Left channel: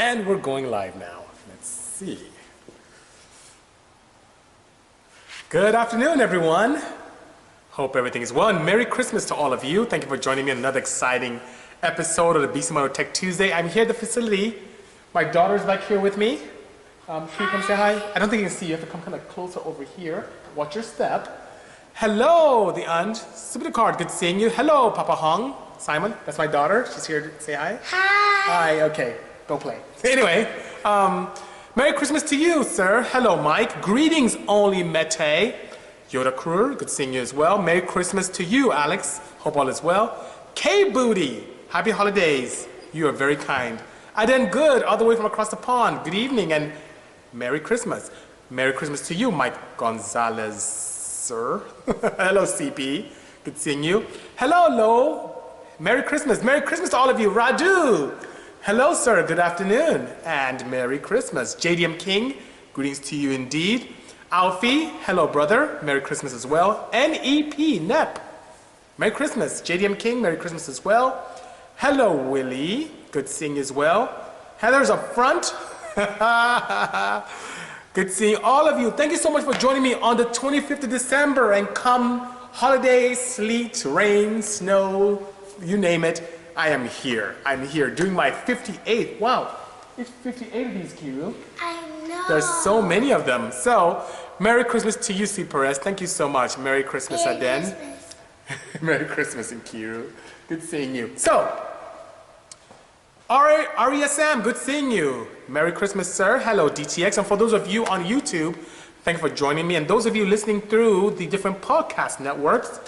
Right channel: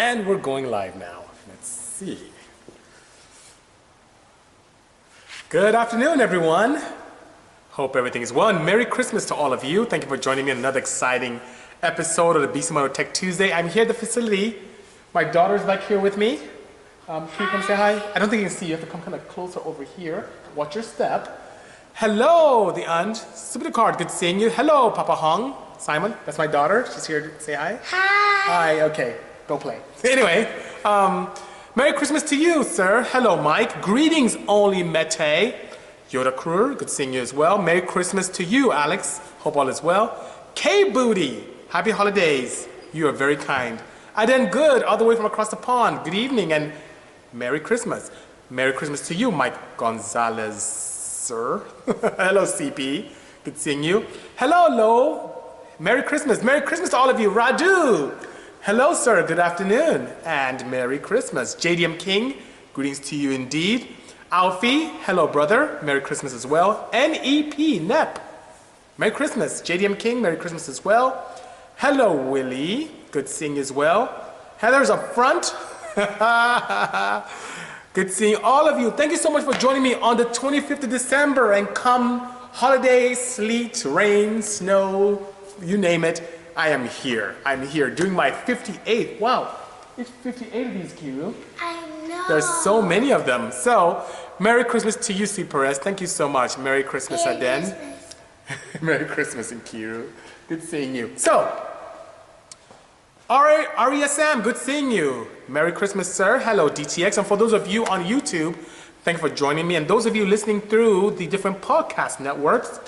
And we're going live now. Let's see. Good afternoon, everyone. Hope everything is well, and Merry Christmas to all of you. Thank you for joining me in another exciting episode of the Bisimoto Tech Tuesday. I'm here at the facility. My daughter's back here with me. Can you come say hi? I don't think you can see. You have to come kind of closer over here. Watch your step. Hello, the aunt. Super card. Good seeing you. Hello, Papa Hong. Simon, that's my daughter. She's here to say hi. Hi. Hi, okay. Go play. Anyway, Merry Christmas to you, sir. Hello, Mike. Greetings, only Mete. Yoda Kruger, good seeing you as well. Merry Christmas to you, Alex. Hope all is well. K-Booty, happy holidays. You are very kind. I done good all the way from across the pond. Good evening and Merry Christmas. Merry Christmas to you, Mike Gonzalez, sir. Hello, CP. Good seeing you. Hello, Lo. Merry Christmas. Merry Christmas to all of you. Radu. Hello, sir. Good afternoon. And Merry Christmas. JDM King, greetings to you indeed. Alfie, hello, brother. Merry Christmas as well. NEP, NEP. Merry Christmas. JDM King, Merry Christmas as well. Hello, Willie. Good seeing you as well. Heather's up front. Good seeing all of you. Thank you so much for joining me on the 25th of December. And come holiday, sleet, rain, snow, you name it, I am here. I'm here doing my 58th. Wow, it's 58 of these, Kiru. I know. There's so many of them. So, Merry Christmas to you, C. Perez. Thank you so much. Merry Christmas, Aden. Merry Christmas, Kiru. Good seeing you. So, RESM, good seeing you. Merry Christmas, sir. Hello, DTX. And for those of you on YouTube, thank you for joining me. And those of you listening through the different podcast networks,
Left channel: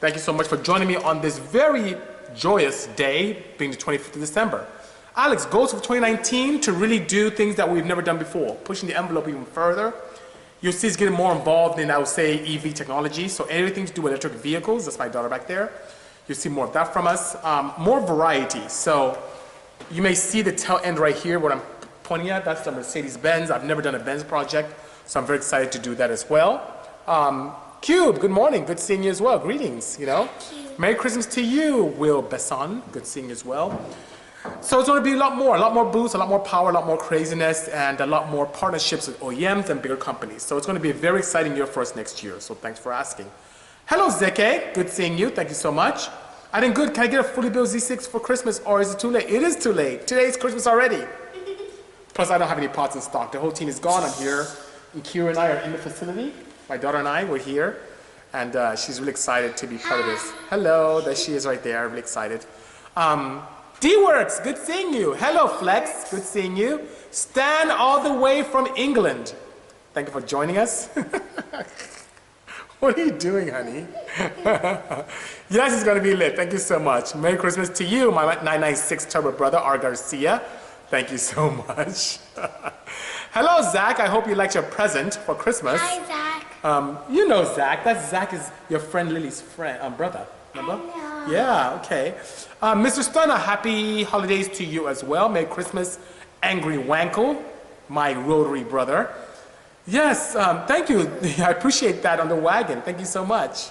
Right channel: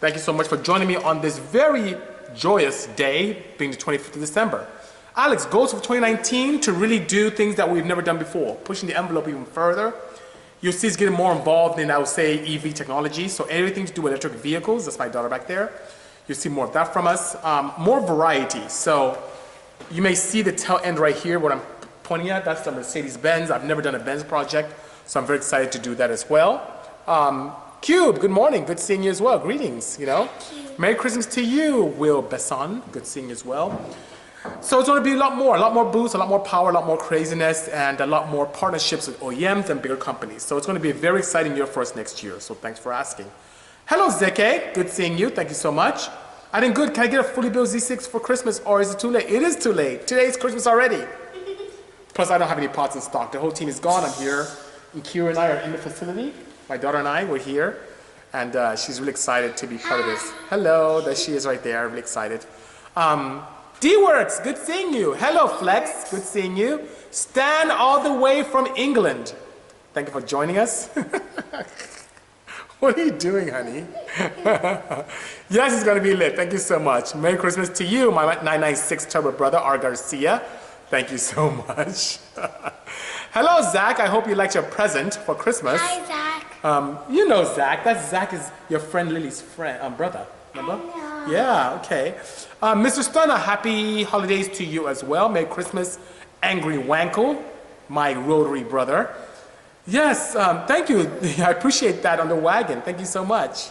thank you so much for joining me on this very joyous day, being the 25th of December. Alex, goals for 2019 to really do things that we've never done before, pushing the envelope even further. You'll see us getting more involved in, I would say, EV technology. So anything to do with electric vehicles, that's my daughter back there. You'll see more of that from us. More variety. So you may see the tail end right here, what I'm pointing at. That's the Mercedes-Benz. I've never done a Benz project, so I'm very excited to do that as well. Cube, good morning. Good seeing you as well. Greetings, you know. Merry Christmas to you, Will Besson. Good seeing you as well. So it's going to be a lot more boosts, a lot more power, a lot more craziness, and a lot more partnerships with OEMs and bigger companies. So it's going to be a very exciting year for us next year. So thanks for asking. Hello, Zeke. Good seeing you. Thank you so much. I did good. Can I get a fully built Z6 for Christmas, or is it too late? It is too late. Today's Christmas already. Plus, I don't have any parts in stock. The whole team is gone. I'm here. And Kira and I are in the facility. My daughter and I, we're here. And she's really excited to be part of this. Hello, there she is right there, really excited. D-Works, good seeing you. Hello, Flex, good seeing you. Stan all the way from England. Thank you for joining us. What are you doing, honey? Yes, it's gonna be lit, thank you so much. Merry Christmas to you, my 996 Turbo brother, R. Garcia. Thank you so much. Hello, Zach, I hope you liked your present for Christmas. Hi, Zach. You know Zach. Zach is your friend Lily's friend, brother. Remember? I know. Yeah, okay. Mr. Stunner, happy holidays to you as well. Merry Christmas, Angry Wankle, my rotary brother. Yes, thank you. I appreciate that on the wagon. Thank you so much.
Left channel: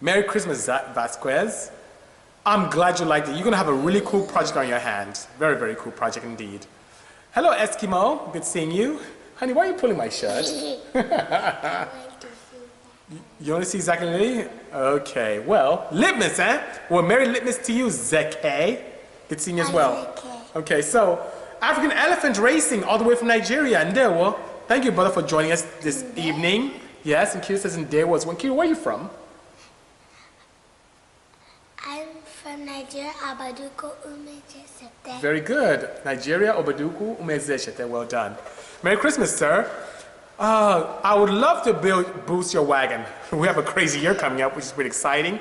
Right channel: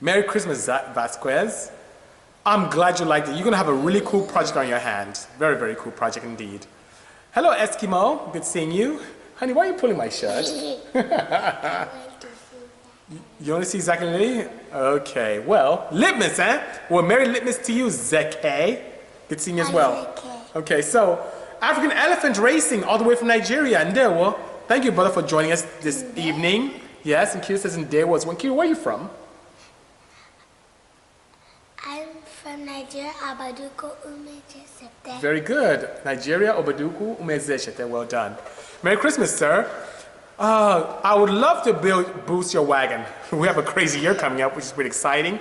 Merry Christmas, Zach Vasquez. I'm glad you liked it. You're going to have a really cool project on your hands. Very, very cool project indeed. Hello, Eskimo. Good seeing you. Honey, why are you pulling my shirt? You want to see Zach and Lily? Okay, well, Litmus, eh? Well, Merry Litmus to you, Zeke. Good seeing you as well. Okay, so African Elephant Racing all the way from Nigeria. And there, well, thank you, brother, for joining us this evening. Yes, and Kira says in there was one. Kira, where are you from? I'm from Nigeria, Abaduko Umejeshete. Very good. Nigeria, Obaduku, Umezeshete. Well done. Merry Christmas, sir. I would love to boost your wagon. We have a crazy year coming up, which is pretty exciting.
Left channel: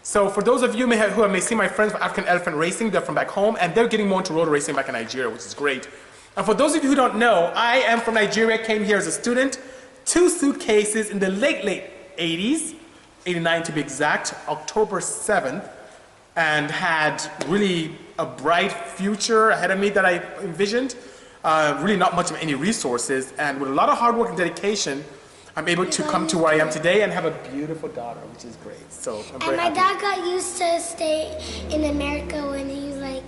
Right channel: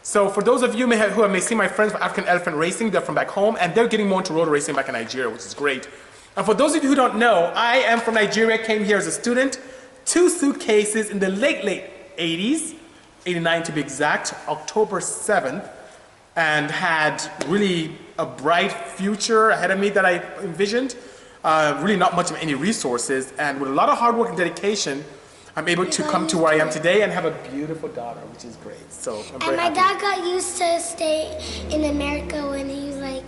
So for those of you who may see my friends from African Elephant Racing, they're from back home, and they're getting more into road racing back in Nigeria, which is great. And for those of you who don't know, I am from Nigeria, came here as a student, 2 suitcases in the late 80s, 89 to be exact, October 7th, and had really a bright future ahead of me that I envisioned. Really not much of any resources, and with a lot of hard work and dedication, I'm able to come to where I am today and have a beautiful daughter, which is great. So I'm very happy. And my dad got used to stay in America when he was like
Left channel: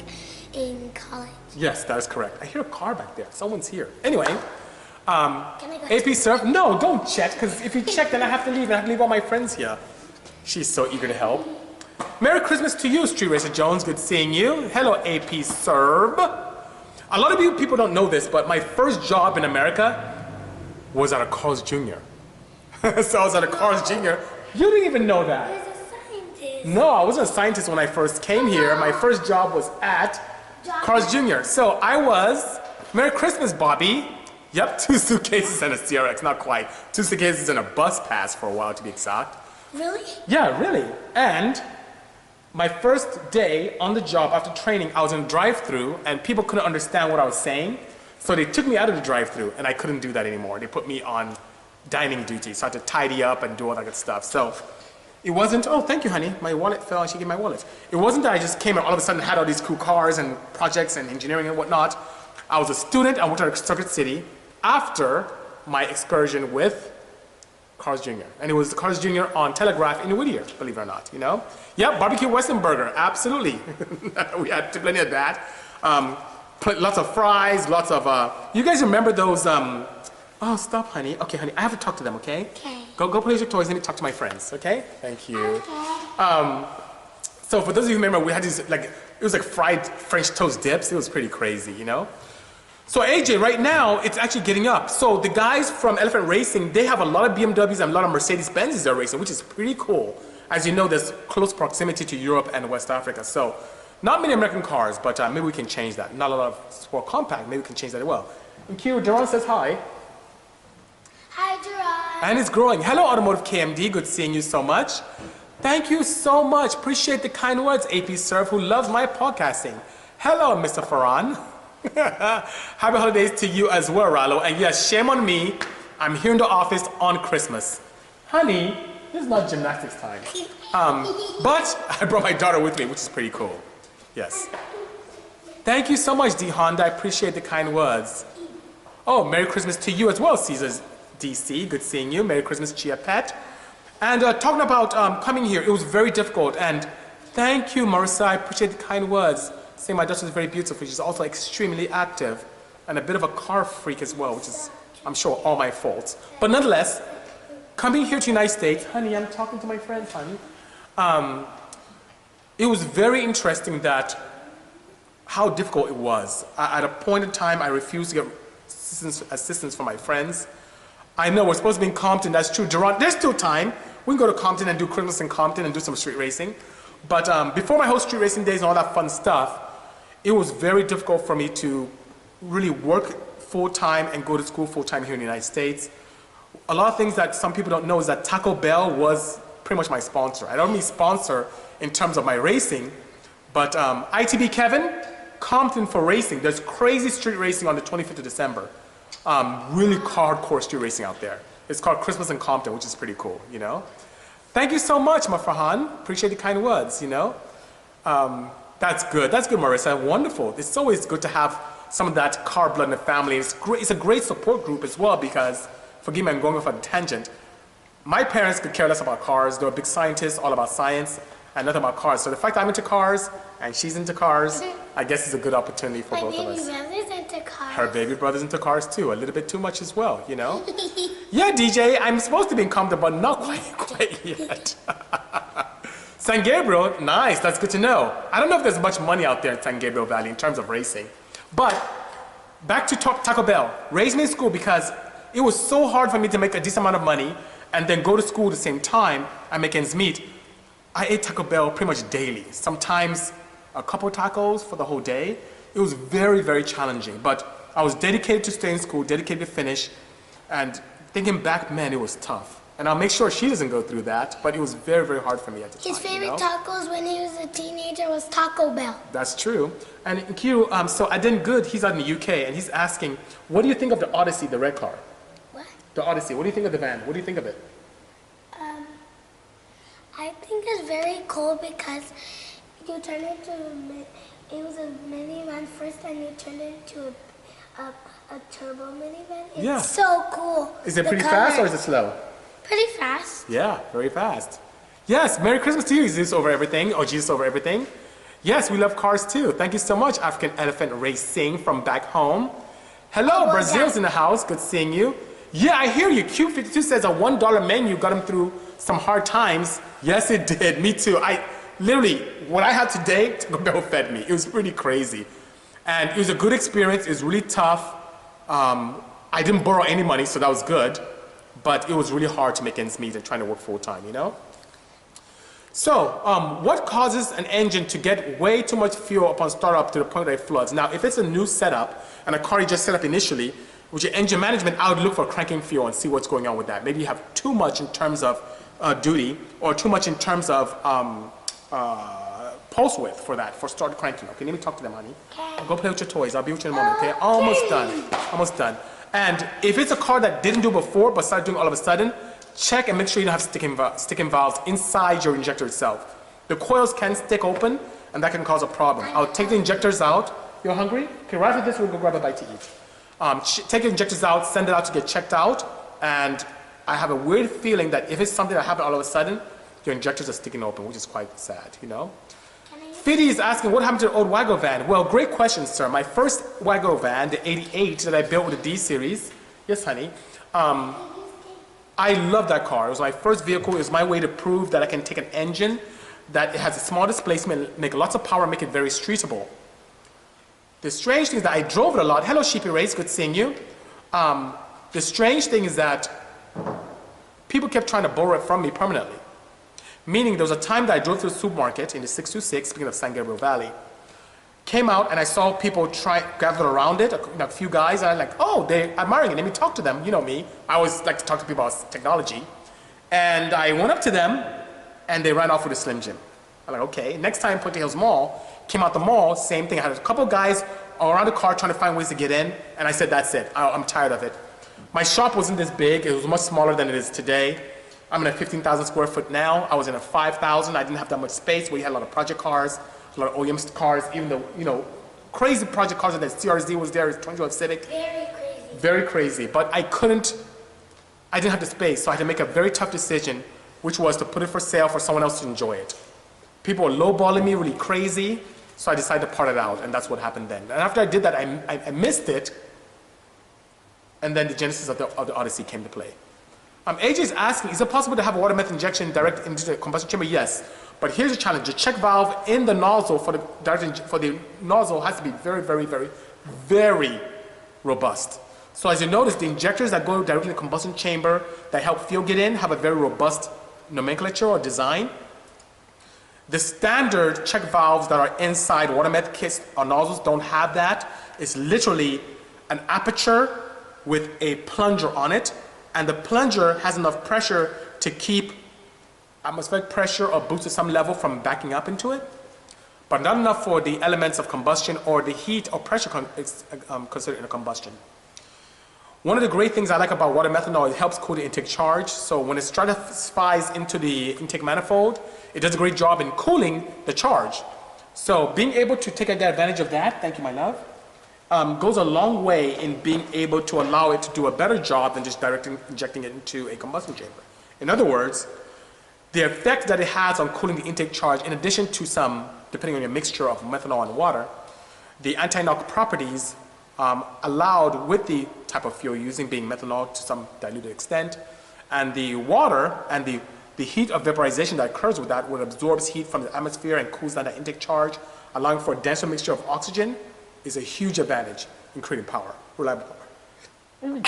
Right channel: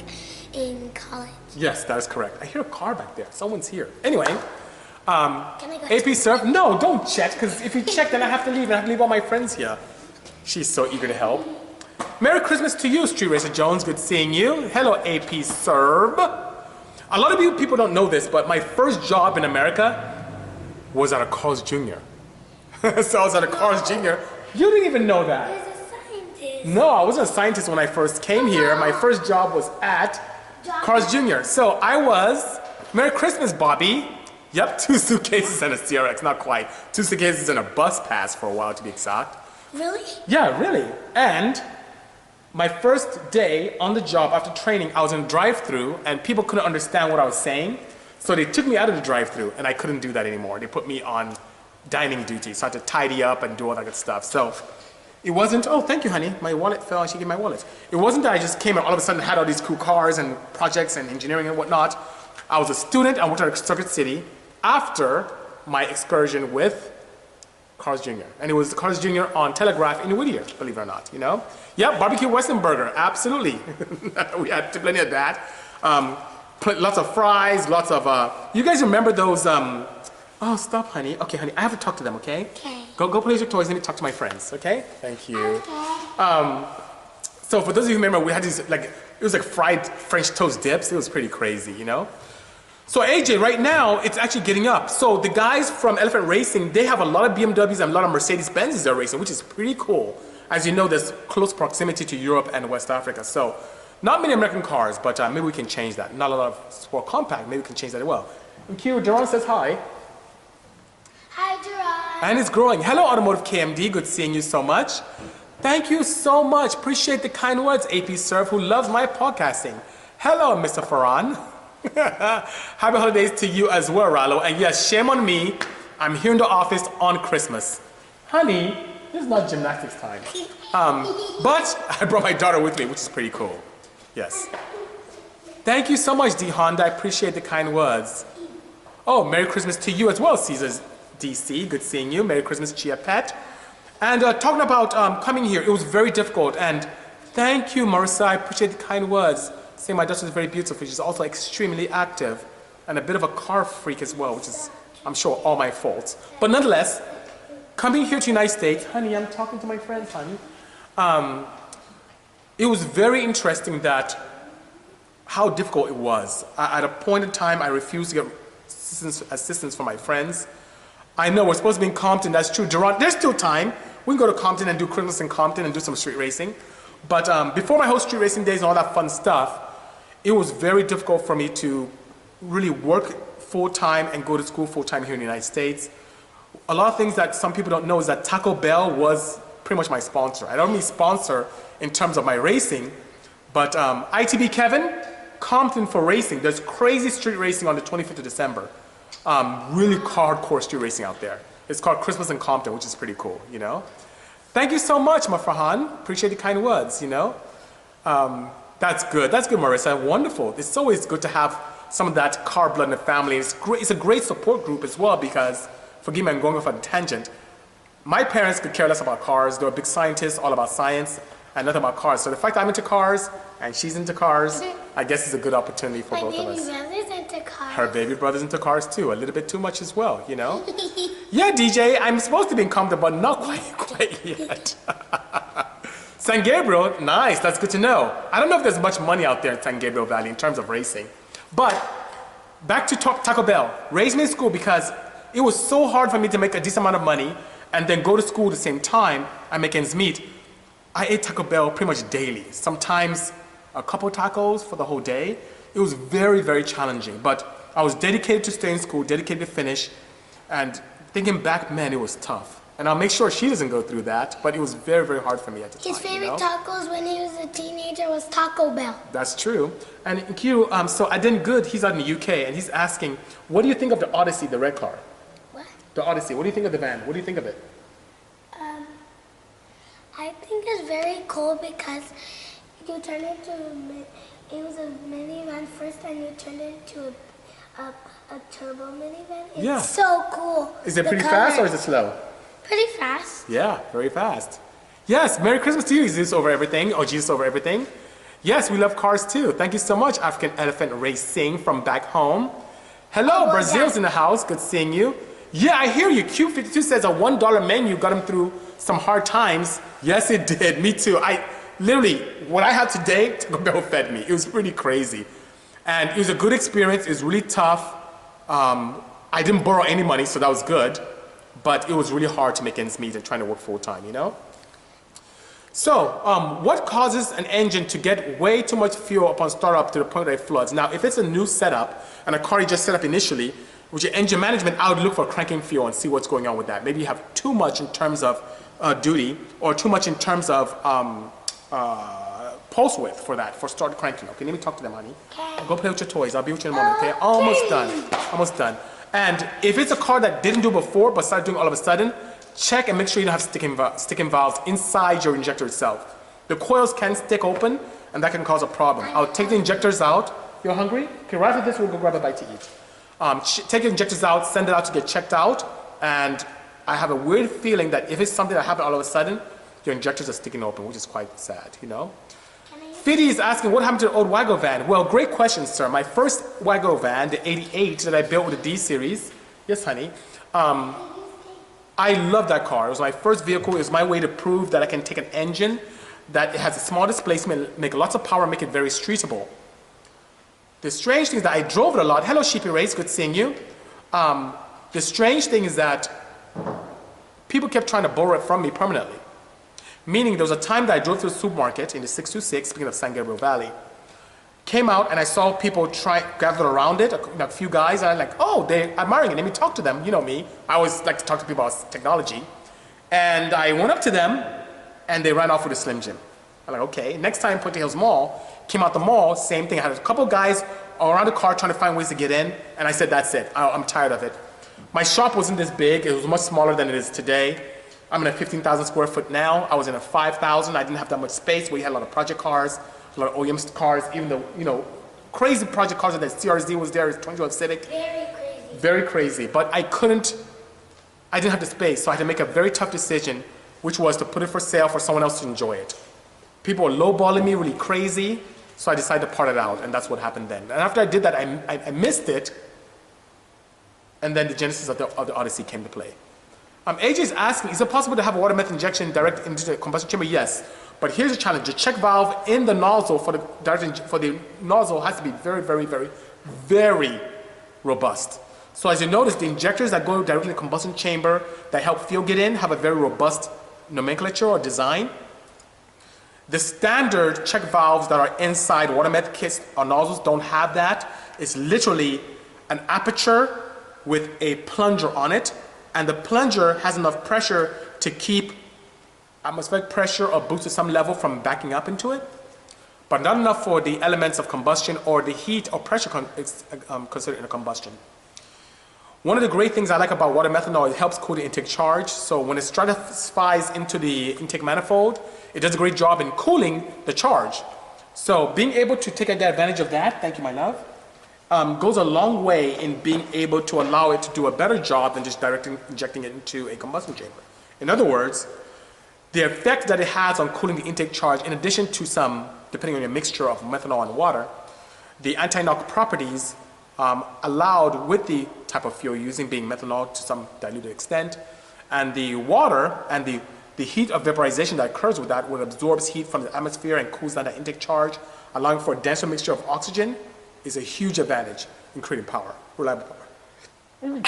in college. Yes, that is correct. I hear a car back there. Someone's here. Anyway, Can I go AP Surf. No, don't check, because if you check, then I have to leave, and I have to leave all my friends here. She's so eager to help. Merry Christmas to you, Street Racer Jones. Good seeing you. Hello, AP Serb. A lot of you people don't know this, but my first job in America was at a Carl's Jr. So I was at a Carl's Jr. You didn't even know that. There's a scientist. No, I wasn't a scientist when I first came here. My first job was at Carl's Jr. So I was, Merry Christmas, Bobby. Yep, 2 suitcases and a CRX, not quite. 2 suitcases and a bus pass for a while, to be exact. Really? Yeah, really. And my first day on the job after training, I was in a drive-thru and people couldn't understand what I was saying. So they took me out of the drive-thru and I couldn't do that anymore. They put me on dining duty, so I had to tidy up and do all that good stuff. So it wasn't, oh, thank you, honey. My wallet fell and she gave me my wallet. It wasn't that I just came and all of a sudden had all these cool cars and projects and engineering and whatnot. I was a student. I worked at Circuit City after my excursion with Carl's Jr. And it was Carl's Jr. on Telegraph in Whittier, believe it or not, you know? Yep, barbecue Western burger, absolutely. We had plenty of that. Lots of fries, lots of, you guys remember those, oh, stop, honey. Okay, honey, I have to talk to them, okay? Okay. Go play with your toys, let me talk to my friends, okay? Thank you. Okay. So for those of you who remember, we had these, like, it was like fried French toast dips. It was pretty crazy, you know? So AJ, right now, it's actually getting up. So the guys from Elephant Racing, they have a lot of BMWs and a lot of Mercedes-Benzes they're racing, which is pretty cool. As you know, there's close proximity to Europe and West Africa. So not many American cars, but maybe we can change that. Not a lot of sport compact, maybe we can change that as well. And Q, Duran says hi. Hi, Gerard. And it's growing. Hello, Automotive KMD, good seeing you so much. Thank you so much. Appreciate the kind words, AP Surf, who loves my podcasting. Hello, Mr. Farhan. Happy holidays to you as well, Rallo. And yes, shame on me. I'm here in the office on Christmas. Honey, this is not gymnastics time. But I brought my daughter with me, which is pretty cool. Yes. Thank you so much, D. Honda. I appreciate the kind words. Oh, Merry Christmas to you as well, Caesars DC. Good seeing you. Merry Christmas, Chia Pet. And talking about coming here, it was very difficult. And thank you, Marissa. I appreciate the kind words. Saying my daughter is very beautiful. She's also extremely active and a bit of a car freak as well, which is, I'm sure, all my fault. But nonetheless, coming here to the United States, honey, I'm talking to my friends, honey. It was very interesting that how difficult it was. At a point in time, I refused to get assistance from my friends. I know we're supposed to be in Compton, that's true. Durant, there's still time. We can go to Compton and do Christmas in Compton and do some street racing. But before my whole street racing days and all that fun stuff, it was very difficult for me to really work full-time and go to school full-time here in the United States. A lot of things that some people don't know is that Taco Bell was pretty much my sponsor. I don't mean sponsor in terms of my racing, but ITB Kevin, Compton for racing. There's crazy street racing on the 25th of December. Really hardcore street racing out there. It's called Christmas in Compton, which is pretty cool, you know? Thank you so much, Mafarhan. Appreciate the kind words, you know? That's good, Marissa, wonderful. It's always good to have some of that car blood in the family. It's great, it's a great support group as well because, forgive me, I'm going off on a tangent. My parents could care less about cars. They were big scientists, all about science, and nothing about cars. So the fact that I'm into cars, and she's into cars, I guess it's a good opportunity for both of us. My baby brother's into cars. Her baby brother's into cars too, a little bit too much as well, you know? Yeah, DJ, I'm supposed to be in Compton, but not quite yet. San Gabriel, nice, that's good to know. I don't know if there's much money out there in San Gabriel Valley in terms of racing. But back to Taco Bell. Raised me in school because it was so hard for me to make a decent amount of money and then go to school at the same time and make ends meet. I ate Taco Bell pretty much daily, sometimes a couple tacos for the whole day. It was very, very challenging, but I was dedicated to stay in school, dedicated to finish, and thinking back, man, it was tough. And I'll make sure she doesn't go through that, but it was very, very hard for me at the time. His favorite tacos when he was a teenager was Taco Bell. That's true. And Kiru, so Aden Good, he's out in the UK, and he's asking, what do you think of the Odyssey, the red car? What? The Odyssey, what do you think of the van? What do you think of it? I think it's very cool because you turn it to it was a minivan first and you turned it into a turbo minivan. It's so cool. Is it pretty fast or is it slow? Pretty fast. Yeah, very fast. Yes, Merry Christmas to you, Jesus over everything, or Jesus over everything. Yes, we love cars too. Thank you so much, African Elephant Racing from back home. Hello, Brazil's in the house. Good seeing you. Yeah, I hear you. Q52 says a $1 menu got him through some hard times. Yes, it did. Me too. I literally, what I had today, Taco Bell fed me. It was pretty crazy. And it was a good experience. It was really tough. I didn't borrow any money, so that was good. But it was really hard to make ends meet and trying to work full time, you know? So, what causes an engine to get way too much fuel upon startup to the point that it floods? Now, if it's a new setup and a car you just set up initially, with your engine management, I would look for cranking fuel and see what's going on with that. Maybe you have too much in terms of duty or too much in terms of pulse width for that, for start cranking. Okay, let me talk to them, honey. Okay. Go play with your toys. I'll be with you in a moment, okay? Almost done. Almost done. And if it's a car that didn't do before but started doing all of a sudden, check and make sure you don't have sticking valves inside your injector itself. The coils can stick open, and that can cause a problem. I'll take the injectors out. You're hungry? Okay, right after this, we'll go grab a bite to eat. Take your injectors out, send it out to get checked out, and I have a weird feeling that if it's something that happened all of a sudden, your injectors are sticking open, which is quite sad, you know? Fiddy is asking, what happened to the old wagon van? Well, great question, sir. My first wagon van, the 88 that I built with the D series, yes, honey, I love that car. It was my first vehicle. It was my way to prove that I can take an engine that has a small displacement, make lots of power, make it very streetable. The strange thing is that I drove it a lot. Hello, Sheepy Race, good seeing you. The strange thing is that people kept trying to borrow it from me permanently. Meaning there was a time that I drove to the supermarket in the 626, speaking of San Gabriel Valley, came out and I saw people gathered around it, a few guys, and I'm like, oh, they're admiring it. Let me talk to them. You know me. I always like to talk to people about technology. And I went up to them, and they ran off with a Slim Jim. I'm like, okay. Next time, Puente Hills Mall, came out the mall, same thing. I had a couple guys around the car trying to find ways to get in, and I said, that's it. I'm tired of it. My shop wasn't this big. It was much smaller than it is today. I'm in a 15,000 square foot now. I was in a 5,000. I didn't have that much space. We had a lot of project cars, a lot of OEM cars, even the, you know, crazy project cars that CRZ was there, 2012 Civic. Very crazy. Very crazy. But I didn't have the space, so I had to make a very tough decision, which was to put it for sale for someone else to enjoy it. People were lowballing me really crazy, so I decided to part it out, and that's what happened then. And after I did that, I missed it, and then the genesis of the Odyssey came to play. AJ is asking, is it possible to have a water method injection direct into the combustion chamber? Yes, but here's the challenge. The check valve in the nozzle for the nozzle has to be very, very, very, very robust. So as you notice, the injectors that go directly in the combustion chamber that help fuel get in have a very robust nomenclature or design. The standard check valves that are inside water method kits or nozzles don't have that. It's literally an aperture with a plunger on it, and the plunger has enough pressure to keep atmospheric pressure or boost to some level from backing up into it, but not enough for the elements of combustion or the heat or pressure considered in a combustion. One of the great things I like about water methanol is it helps cool the intake charge. So when it stratifies into the intake manifold, it does a great job in cooling the charge. So being able to take advantage of that, thank you, my love, goes a long way in being able to allow it to do a better job than just injecting it into a combustion chamber. In other words, the effect that it has on cooling the intake charge, in addition to some, depending on your mixture of methanol and water, the anti-knock properties allowed with the type of fuel using being methanol to some diluted extent, and the water and the heat of vaporization that occurs with that, when it absorbs heat from the atmosphere and cools down that intake charge, allowing for a denser mixture of oxygen, is a huge advantage in creating power, reliable power.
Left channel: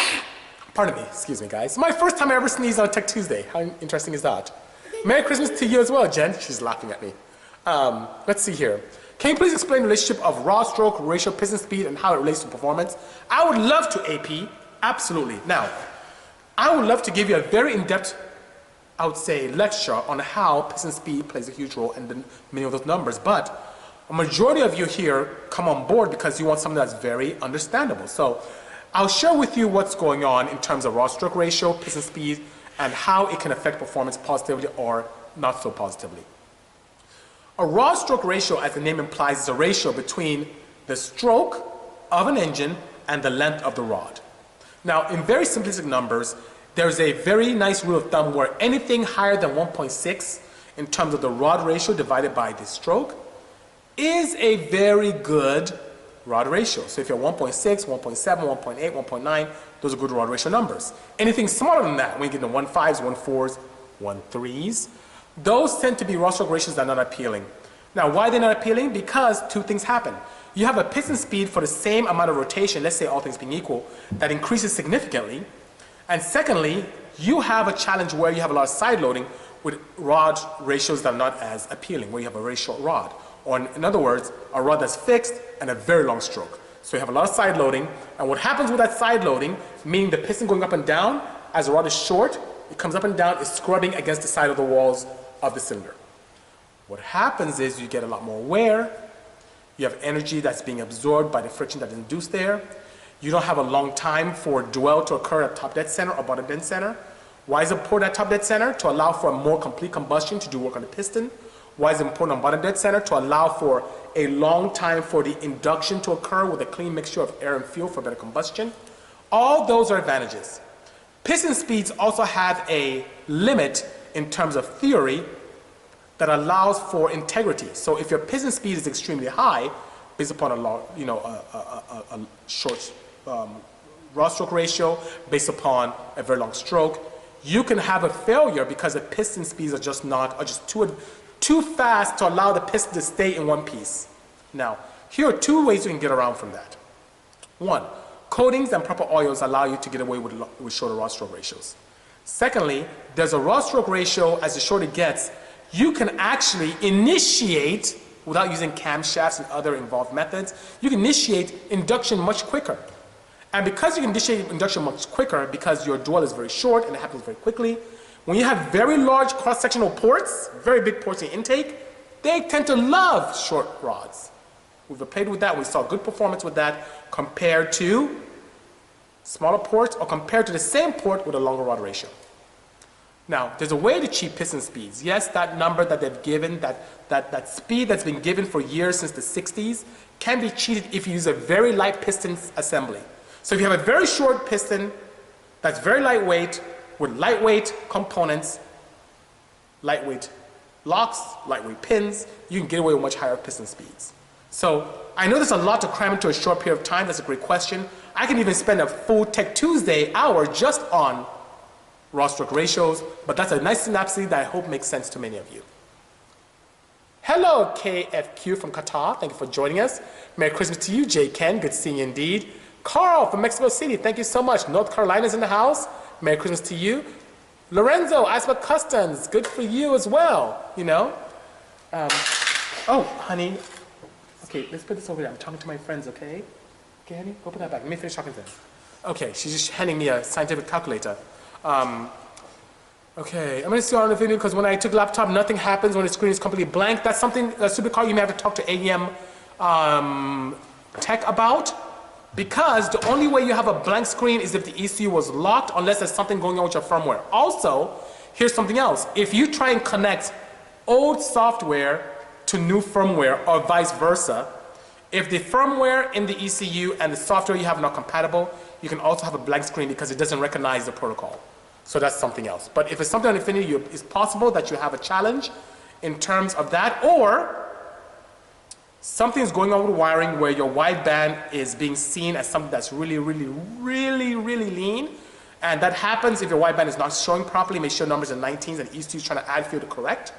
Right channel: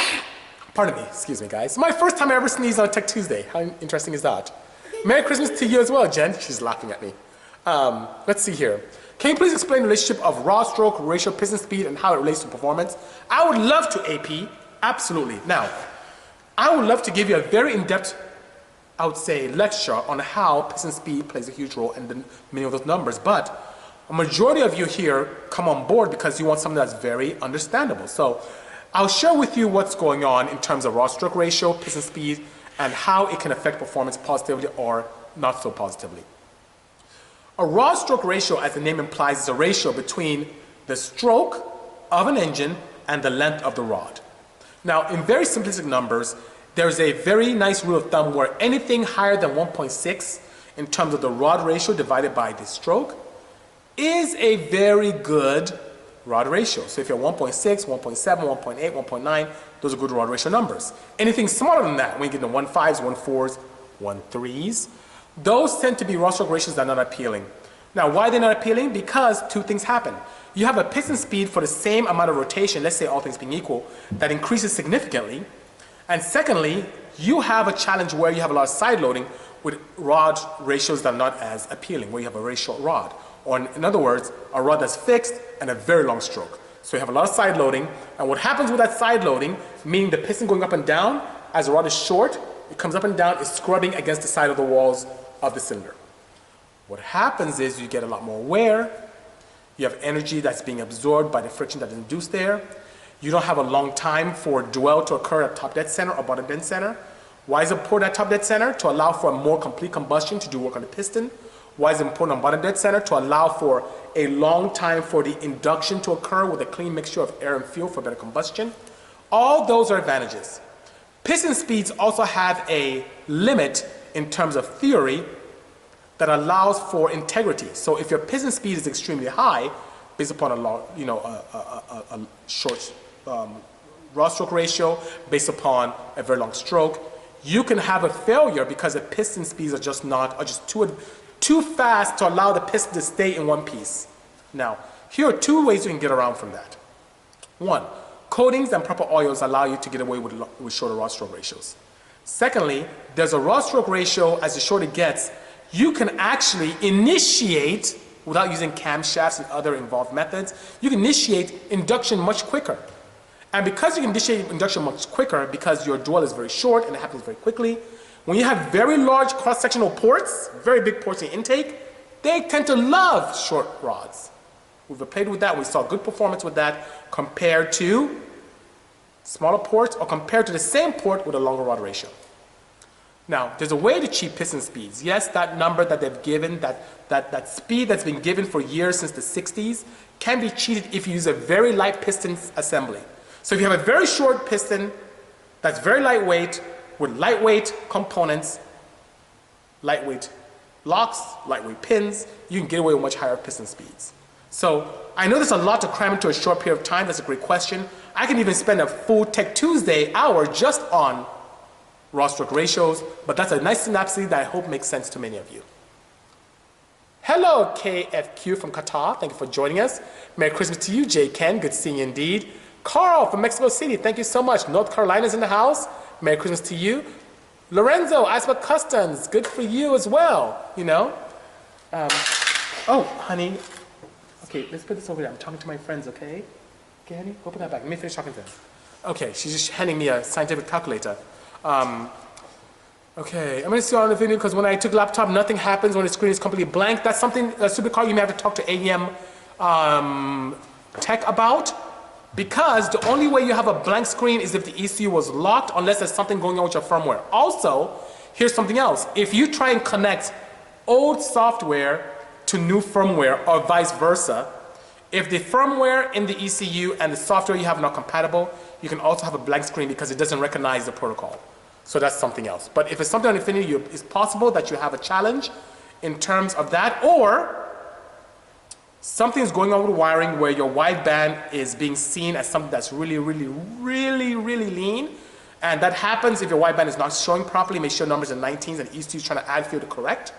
Pardon me, excuse me, guys. My first time I ever sneezed on a Tech Tuesday. How interesting is that? Merry Christmas to you as well, Jen. She's laughing at me. Let's see here. Can you please explain the relationship of raw stroke ratio, piston speed, and how it relates to performance? I would love to, AP. Absolutely. Now, I would love to give you a very in-depth, I would say, lecture on how piston speed plays a huge role in many of those numbers, but a majority of you here come on board because you want something that's very understandable. So I'll share with you what's going on in terms of raw stroke ratio, piston speed, and how it can affect performance positively or not so positively. A raw stroke ratio, as the name implies, is a ratio between the stroke of an engine and the length of the rod. Now, in very simplistic numbers, there's a very nice rule of thumb where anything higher than 1.6 in terms of the rod ratio divided by the stroke is a very good rod ratio. So if you're 1.6, 1.7, 1.8, 1.9, those are good rod ratio numbers. Anything smaller than that, when you get into 1.5s, 1.4s, 1.3s, those tend to be rod stroke ratios that are not appealing. Now, why they're not appealing? Because two things happen. You have a piston speed for the same amount of rotation, let's say all things being equal, that increases significantly. And secondly, you have a challenge where you have a lot of side loading with rod ratios that are not as appealing, where you have a very short rod. Or in other words, a rod that's fixed and a very long stroke. So you have a lot of side loading, and what happens with that side loading, meaning the piston going up and down, as the rod is short, it comes up and down, it's scrubbing against the side of the walls of the cylinder. What happens is you get a lot more wear, you have energy that's being absorbed by the friction that is induced there, you don't have a long time for dwell to occur at top dead center or bottom dead center. Why is it important at top dead center? To allow for a more complete combustion to do work on the piston. Why is it important on bottom dead center? To allow for a long time for the induction to occur with a clean mixture of air and fuel for better combustion. All those are advantages. Piston speeds also have a limit in terms of theory that allows for integrity. So if your piston speed is extremely high, based upon a short rod stroke ratio, based upon a very long stroke, you can have a failure because the piston speeds are just too fast to allow the piston to stay in one piece. Now, here are two ways you can get around from that. One, coatings and proper oils allow you to get away with shorter rod stroke ratios. Secondly, there's a rod stroke ratio, as the shorter it gets, you can actually initiate, without using camshafts and other involved methods, you can initiate induction much quicker. And because you can initiate induction much quicker, because your dwell is very short and it happens very quickly, when you have very large cross-sectional ports, very big ports in intake, they tend to love short rods. We've played with that. We saw good performance with that compared to smaller ports or compared to the same port with a longer rod ratio. Now, there's a way to cheat piston speeds. Yes, that number that they've given, that speed that's been given for years since the 60s, can be cheated if you use a very light piston assembly. So if you have a very short piston that's very lightweight, with lightweight components, lightweight locks, lightweight pins, you can get away with much higher piston speeds. So I know there's a lot to cram into a short period of time. That's a great question. I can even spend a full Tech Tuesday hour just on rod stroke ratios, but that's a nice synopsis that I hope makes sense to many of you. Hello, KFQ from Qatar. Thank you for joining us. Merry Christmas to you, J. Ken. Good seeing you indeed. Carl from Mexico City. Thank you so much. North Carolina's in the house. Merry Christmas to you. Lorenzo, Aspa Customs. Good for you as well, you know. Oh, honey. Okay, let's put this over there. I'm talking to my friends, okay? Okay, honey, go put that back. Let me finish talking to them. Okay, she's just handing me a scientific calculator. Okay, I'm going to see you on the video because when I took laptop, nothing happens when the screen is completely blank. That's something, a supercar, you may have to talk to AEM Tech about, because the only way you have a blank screen is if the ECU was locked, unless there's something going on with your firmware. Also, here's something else. If you try and connect old software to new firmware or vice versa, if the firmware in the ECU and the software you have are not compatible, you can also have a blank screen because it doesn't recognize the protocol. So that's something else. But if it's something on Infinity, it's possible that you have a challenge in terms of that, or something is going on with wiring where your wideband is being seen as something that's really lean. And that happens if your wideband is not showing properly, may show numbers in 19s and ECU is trying to add field to correct.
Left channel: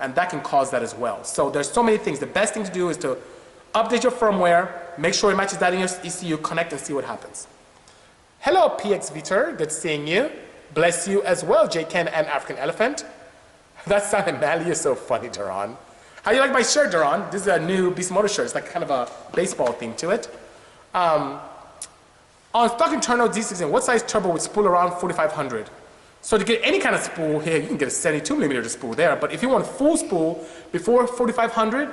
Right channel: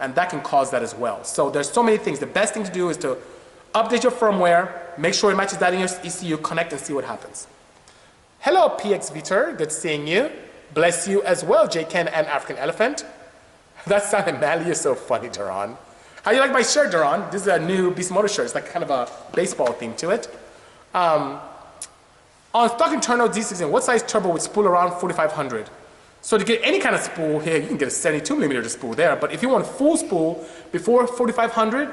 And that can cause that as well. So there's so many things. The best thing to do is to update your firmware, make sure it matches that in your ECU, connect and see what happens. Hello, PX Vitor. Good seeing you. Bless you as well, J. Ken and African Elephant. That sounded manly. You're so funny, Duran. How you like my shirt, Duran? This is a new Bisimoto shirt. It's like kind of a baseball theme to it. On stock internal D16, what size turbo would spool around 4500? So to get any kind of spool here, you can get a 72mm spool there. But if you want full spool before 4500,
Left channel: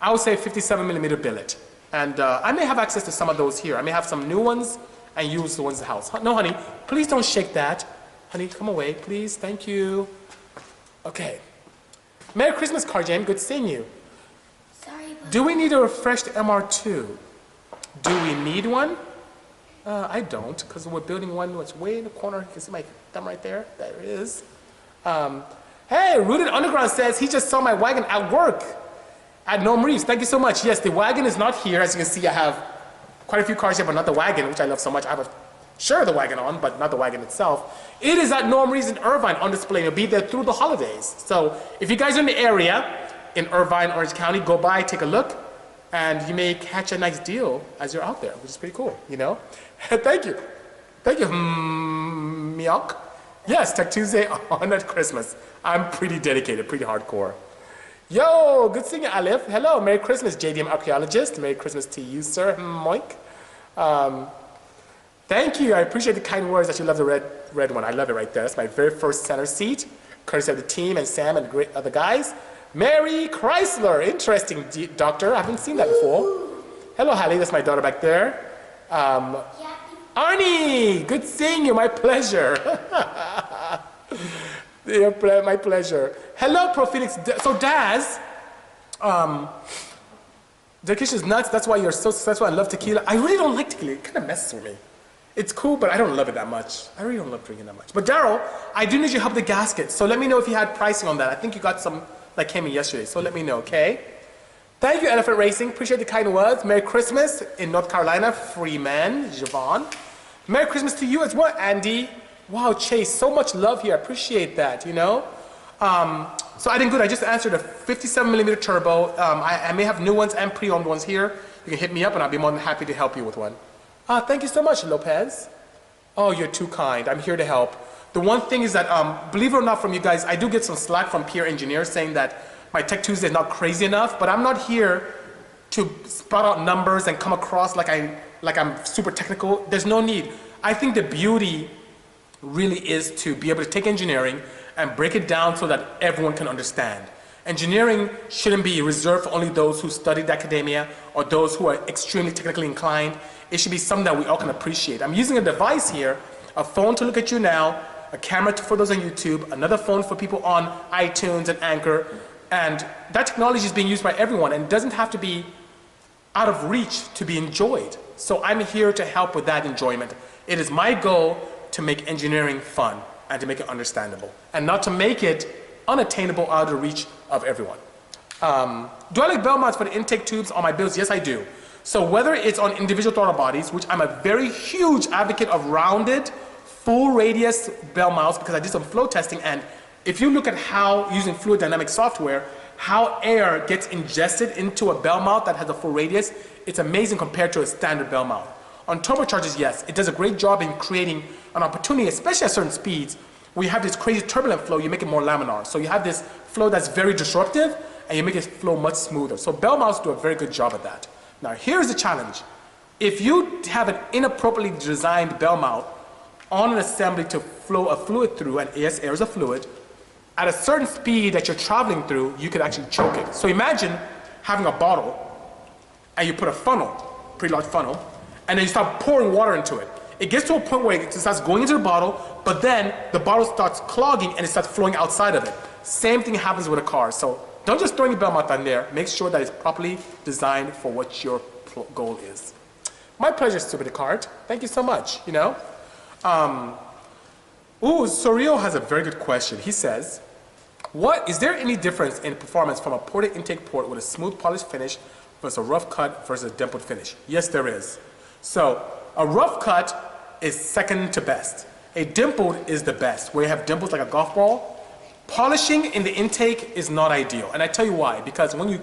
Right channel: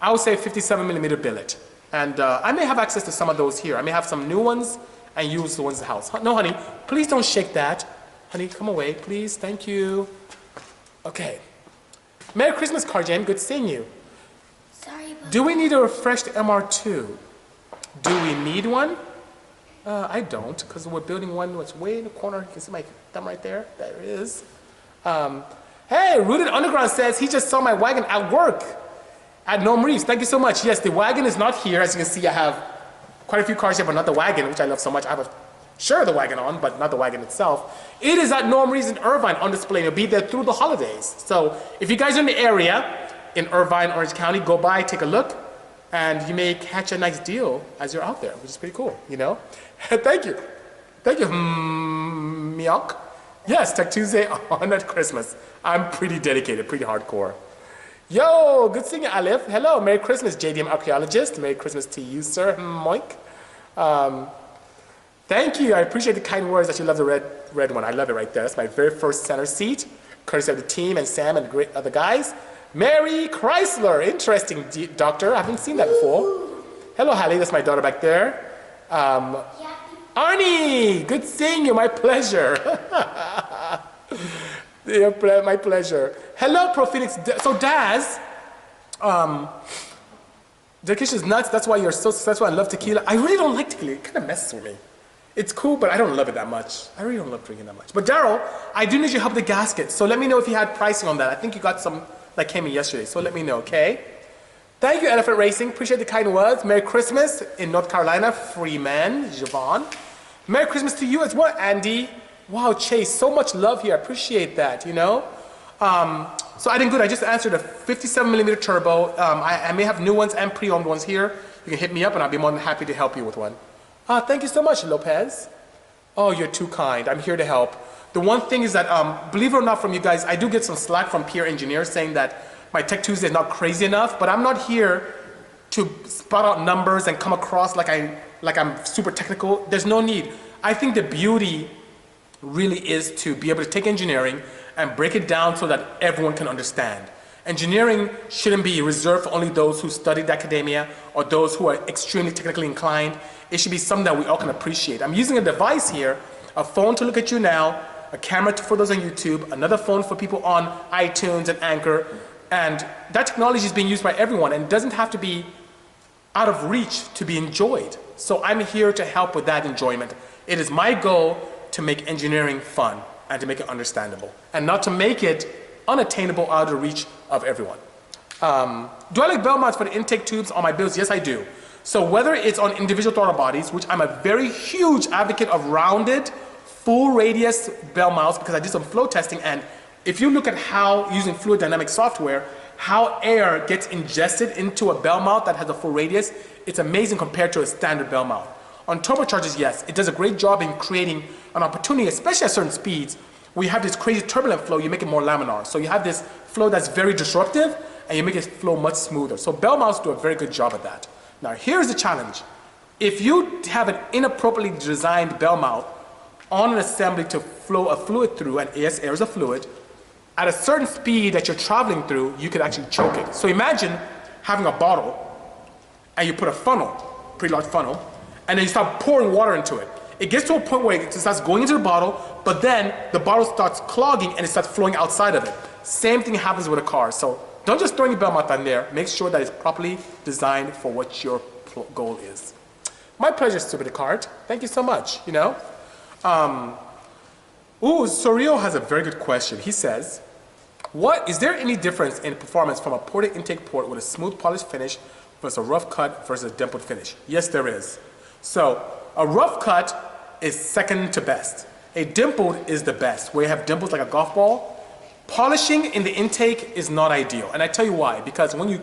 I would say 57mm billet. And I may have access to some of those here. I may have some new ones and use the ones in the house. No, honey, please don't shake that. Honey, come away, please. Thank you. Okay. Merry Christmas, Carjane. Good seeing you. Sorry, but... Do we need a refreshed MR2? Do we need one? I don't, because we're building one that's way in the corner. You can see my thumb right there. There it is. Hey, Rooted Underground says he just saw my wagon at work. At Norm Reeves, thank you so much. Yes, the wagon is not here. As you can see, I have quite a few cars here, but not the wagon, which I love so much. I have the wagon on, but not the wagon itself. It is at Norm Reeves in Irvine on display. It'll be there through the holidays. So if you guys are in the area, in Irvine, Orange County, go by, take a look, and you may catch a nice deal as you're out there, which is pretty cool, you know? Thank you. Thank you, Miok. Yes, Tech Tuesday on at Christmas. I'm pretty dedicated, pretty hardcore. Yo, good seeing you, Alif. Hello, Merry Christmas, JDM Archaeologist. Merry Christmas to you, sir, Moik. Thank you, I appreciate the kind words that you love the red one. I love it right there. That's my very first center seat, courtesy of the team and Sam and great other guys. Mary Chrysler, interesting, doctor. I haven't seen that before. Hello, Hallie, that's my daughter back there. Arnie, good seeing you, my pleasure. My pleasure. Hello, Pro Phoenix. So Daz, dedication is nuts. That's why you're so successful. I love tequila. I really don't like tequila. It kind of messes with me. It's cool, but I don't love it that much. I really don't love drinking that much. But Daryl, I do need your help with the gasket. So let me know if you had pricing on that. I think you got some that came in yesterday. So let me know, okay? Thank you, Elephant Racing. Appreciate the kind words. Merry Christmas in North Carolina. Freeman, Javon. Merry Christmas to you as well, Andy. Wow, Chase, so much love here. I appreciate that, you know? So I did good. I just answered a 57mm turbo. I may have new ones and pre-owned ones here. You can hit me up and I'll be more than happy to help you with one. Thank you so much, Lopez. Oh, you're too kind. I'm here to help. The one thing is that, believe it or not from you guys, I do get some slack from peer engineers saying that my Tech Tuesday is not crazy enough, but I'm not here to spout out numbers and come across like I'm super technical. There's no need. I think the beauty really is to be able to take engineering and break it down so that everyone can understand. Engineering shouldn't be reserved for only those who studied academia or those who are extremely technically inclined. It should be something that we all can appreciate. I'm using a device here, a phone to look at you now, a camera for those on YouTube, another phone for people on iTunes and Anchor, and that technology is being used by everyone and doesn't have to be out of reach to be enjoyed. So I'm here to help with that enjoyment. It is my goal to make engineering fun and to make it understandable and not to make it unattainable out of the reach of everyone. Do I like bell mounts for the intake tubes on my builds? Yes, I do. So whether it's on individual throttle bodies, which I'm a very huge advocate of rounded, full radius bell mounts because I did some flow testing, and if you look at how, using fluid dynamic software, how air gets ingested into a bell mount that has a full radius, it's amazing compared to a standard bell mount. On turbochargers, yes, it does a great job in creating an opportunity, especially at certain speeds, where you have this crazy turbulent flow, you make it more laminar. So you have this flow that's very disruptive, and you make it flow much smoother. So bell mounts do a very good job at that. Now here's the challenge. If you have an inappropriately designed bell mount on an assembly to flow a fluid through, and yes, air is a fluid, at a certain speed that you're traveling through, you could actually choke it. So imagine having a bottle, and you put a funnel, pretty large funnel, and then you start pouring water into it. It gets to a point where it starts going into the bottle, but then the bottle starts clogging and it starts flowing outside of it. Same thing happens with a car. So don't just throw any bell mount on there. Make sure that it's properly designed for what your goal is. My pleasure, Stupid Cart. Thank you so much, you know. Sorio has a very good question. He says, is there any difference in performance from a ported intake port with a smooth polished finish versus a rough cut versus a dimpled finish? Yes, there is. So a rough cut is second to best. A dimpled is the best, where you have dimples like a golf ball. Polishing in the intake is not ideal, and I tell you why. Because when you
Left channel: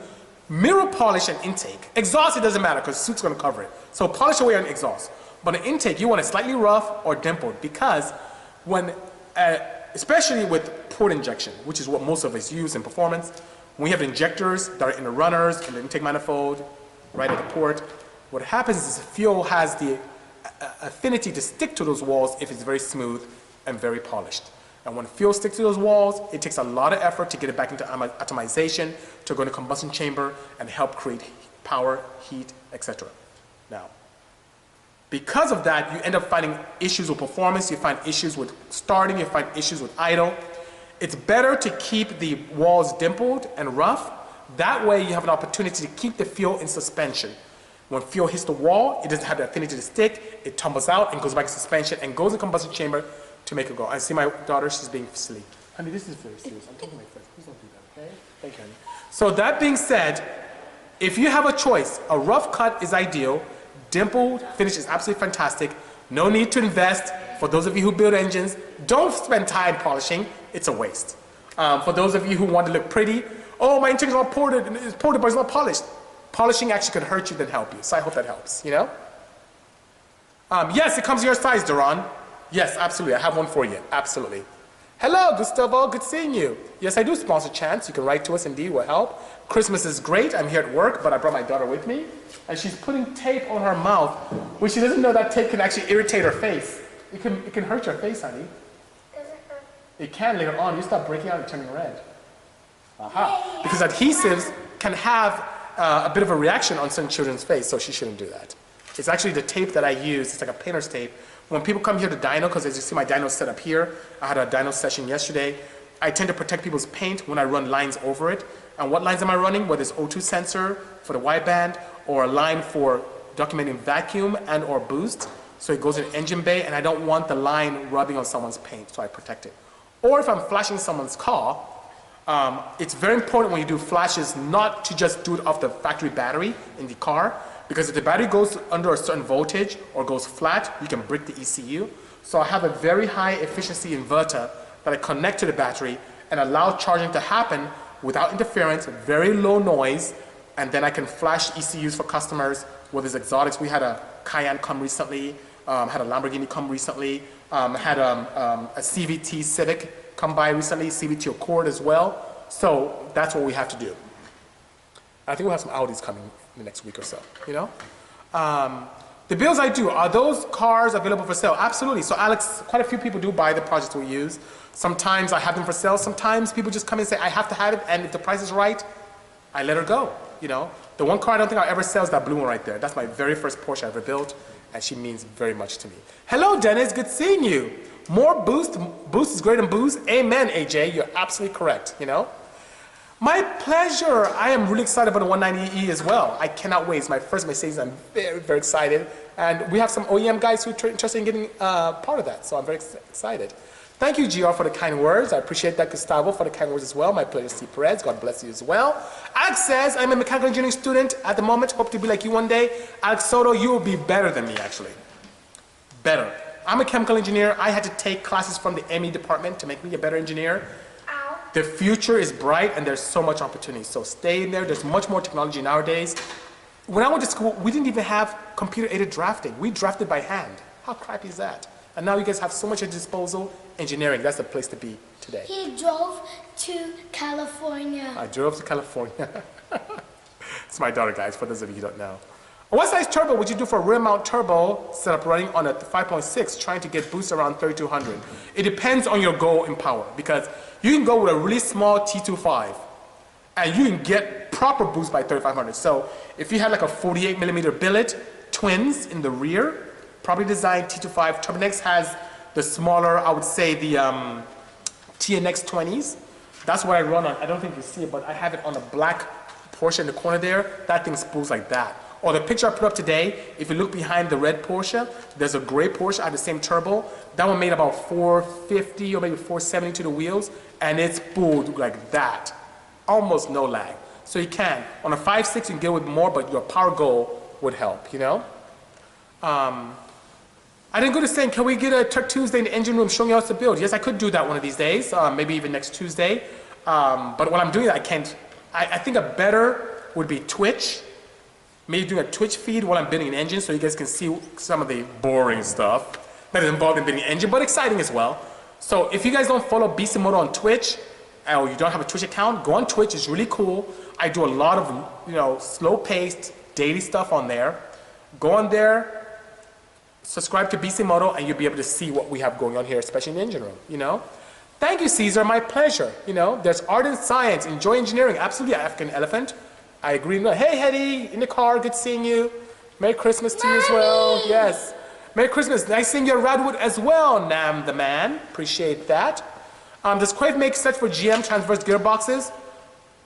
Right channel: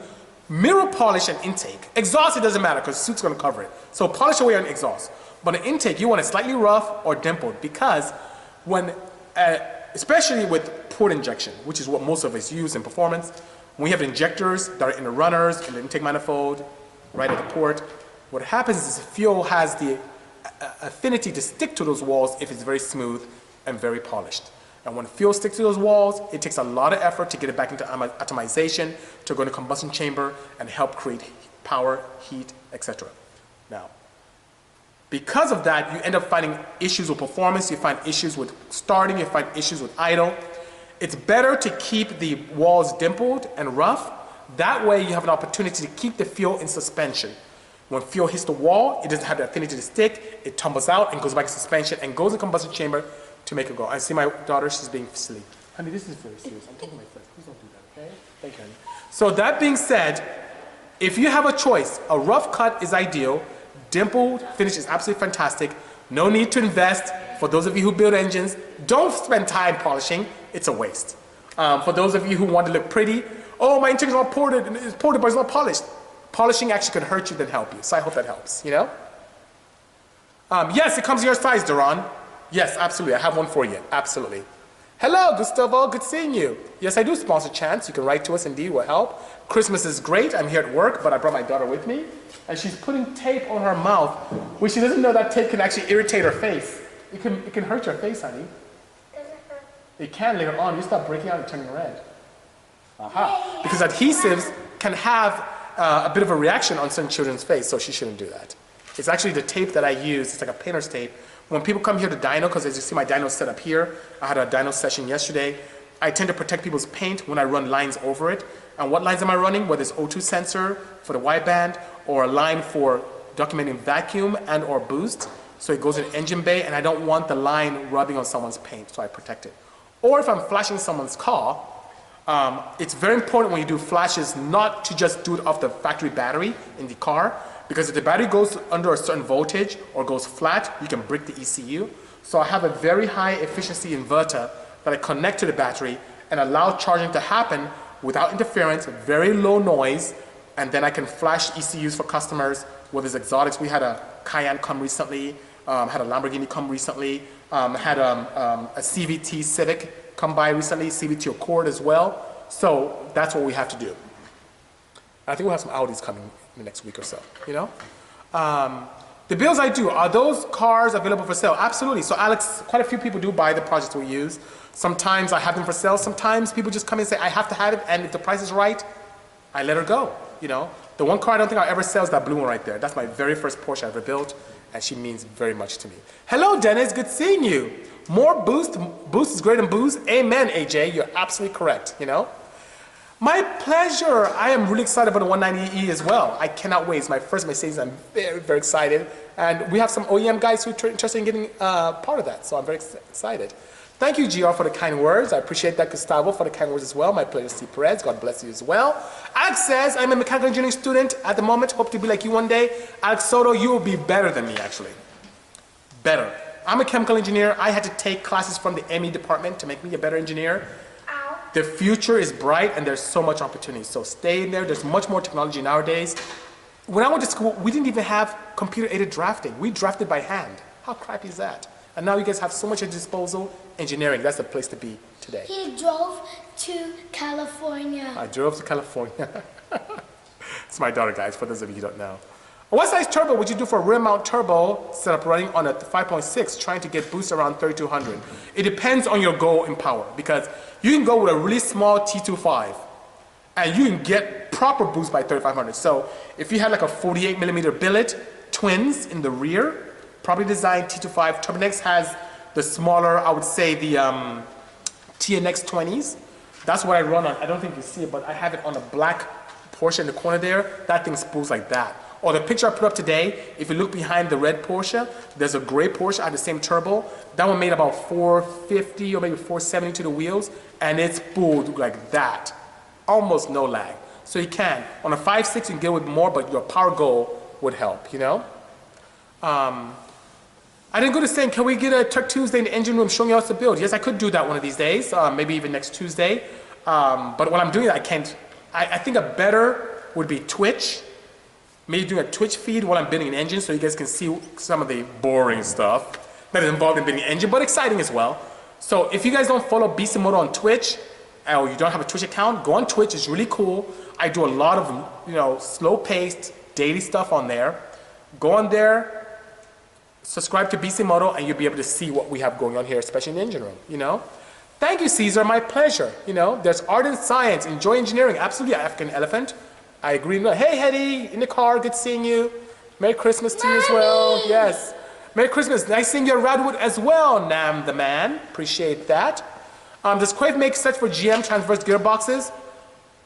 mirror polish an intake, exhaust, it doesn't matter because the suit's going to cover it. So polish away on exhaust. But an intake, you want it slightly rough or dimpled, because when, especially with port injection, which is what most of us use in performance, when you have injectors that are in the runners, in the intake manifold, right at the port, what happens is the fuel has the affinity to stick to those walls if it's very smooth and very polished. And when fuel sticks to those walls, it takes a lot of effort to get it back into atomization, to go into combustion chamber and help create power, heat, etc. Now, because of that, you end up finding issues with performance, you find issues with starting, you find issues with idle. It's better to keep the walls dimpled and rough. That way you have an opportunity to keep the fuel in suspension. When fuel hits the wall, it doesn't have the affinity to stick, it tumbles out and goes back to suspension and goes in combustion chamber to make it go. I see my daughter, she's being silly. Honey, this is very serious. I'm talking to my friends. Please don't do that, okay? Thank you, honey. So that being said, If you have a choice, a rough cut is ideal. Dimpled finish is absolutely fantastic. No need to invest. For those of you who build engines, don't spend time polishing. It's a waste. For those of you who want to look pretty, oh, my interior is not ported, it's ported, but it's not polished. Polishing actually could hurt you than help you. So I hope that helps, you know? Yes, it comes in your size, Duran. Yes, absolutely. I have one for you. Absolutely. Hello, Gustavo. Good seeing you. Yes, I do sponsor Chance. You can write to us. Indeed, will help. Christmas is great. I'm here at work, but I brought my daughter with me. And she's putting tape on her mouth, which she doesn't know that tape can actually irritate her face. It can hurt your face, honey. Does it hurt? It can later on. You start breaking out and turning red. Aha. Because adhesives can have a bit of a reaction on certain children's face, so she shouldn't do that. It's actually the tape that I use. It's like a painter's tape. When people come here to dyno, because as you see my dyno set up here, I had a dyno session yesterday, I tend to protect people's paint when I run lines over it. And what lines am I running? Whether it's O2 sensor for the wideband, or a line for documenting vacuum and or boost. So it goes in engine bay, and I don't want the line rubbing on someone's paint, so I protect it. Or if I'm flashing someone's car, it's very important when you do flashes not to just do it off the factory battery in the car, because if the battery goes under a certain voltage or goes flat, you can break the ECU. So I have a very high efficiency inverter that I connect to the battery and allow charging to happen without interference, very low noise, and then I can flash ECUs for customers, whether it's exotics. We had a Cayenne come recently, had a Lamborghini come recently, had a CVT Civic come by recently, CVT Accord as well. So that's what we have to do. I think we'll have some Audis coming in the next week or so, you know? The builds I do, are those cars available for sale? Absolutely. So Alex, quite a few people do buy the projects we use. Sometimes I have them for sale. Sometimes people just come in and say, I have to have it, and if the price is right, I let her go, you know? The one car I don't think I'll ever sell is that blue one right there. That's my very first Porsche I ever built, and she means very much to me. Hello, Dennis. Good seeing you. More boost. Boost is greater than boost. Amen, AJ. You're absolutely correct, you know? My pleasure. I am really excited about the 190E as well. I cannot wait. It's my first Mercedes. I'm very, very excited. And we have some OEM guys who are interested in getting part of that, so I'm very excited. Thank you, GR, for the kind words. I appreciate that, Gustavo, for the kind words as well. My pleasure, Steve Perez. God bless you as well. Alex says, I'm a mechanical engineering student at the moment. Hope to be like you one day. Alex Soto, you will be better than me, actually. Better. I'm a chemical engineer. I had to take classes from the ME department to make me a better engineer. Ow. The future is bright, and there's so much opportunity. So stay in there. There's much more technology nowadays. When I went to school, we didn't even have computer-aided drafting. We drafted by hand. How crappy is that? And now you guys have so much at disposal. Engineering, that's the place to be today. He drove to California. I drove to California. It's my daughter, guys, for those of you who don't know. What size turbo would you do for a rear mount turbo setup running on a 5.6 trying to get boost around 3200? It depends on your goal in power, because you can go with a really small T25 and you can get proper boost by 3500. So if you had like a 48 millimeter billet, twins in the rear, probably designed T25. Turbonex has the smaller, I would say the TNX 20s. That's what I run on. I don't think you see it, but I have it on a black Porsche in the corner there. That thing spools like that. Or the picture I put up today, if you look behind the red Porsche, there's a gray Porsche. I have the same turbo. That one made about 450 or maybe 470 to the wheels, and it's spooled like that. Almost no lag. So you can. On a 5.6, you can get with more, but your power goal would help, you know? I didn't go to saying, can we get a Tech2sDay in the engine room showing you how to build? Yes, I could do that one of these days, maybe even next Tuesday. But when I'm doing that, I can't. I think a better would be Twitch. Maybe doing a Twitch feed while I'm building an engine so you guys can see some of the boring stuff that is involved in building an engine, but exciting as well. So if you guys don't follow Bisimoto on Twitch, or you don't have a Twitch account, go on Twitch. It's really cool. I do a lot of, you know, slow-paced daily stuff on there. Go on there, subscribe to Bisimoto, and you'll be able to see what we have going on here, especially in the engine room, you know? Thank you, Caesar. My pleasure. You know, there's art and science. Enjoy engineering. Absolutely, African elephant. I agree. Hey, Hetty, in the car. Good seeing you. Merry Christmas to you as well. Yes. Merry Christmas. Nice seeing you at Radwood as well, Nam the man. Appreciate that. Does Crave make sets for GM transverse gearboxes?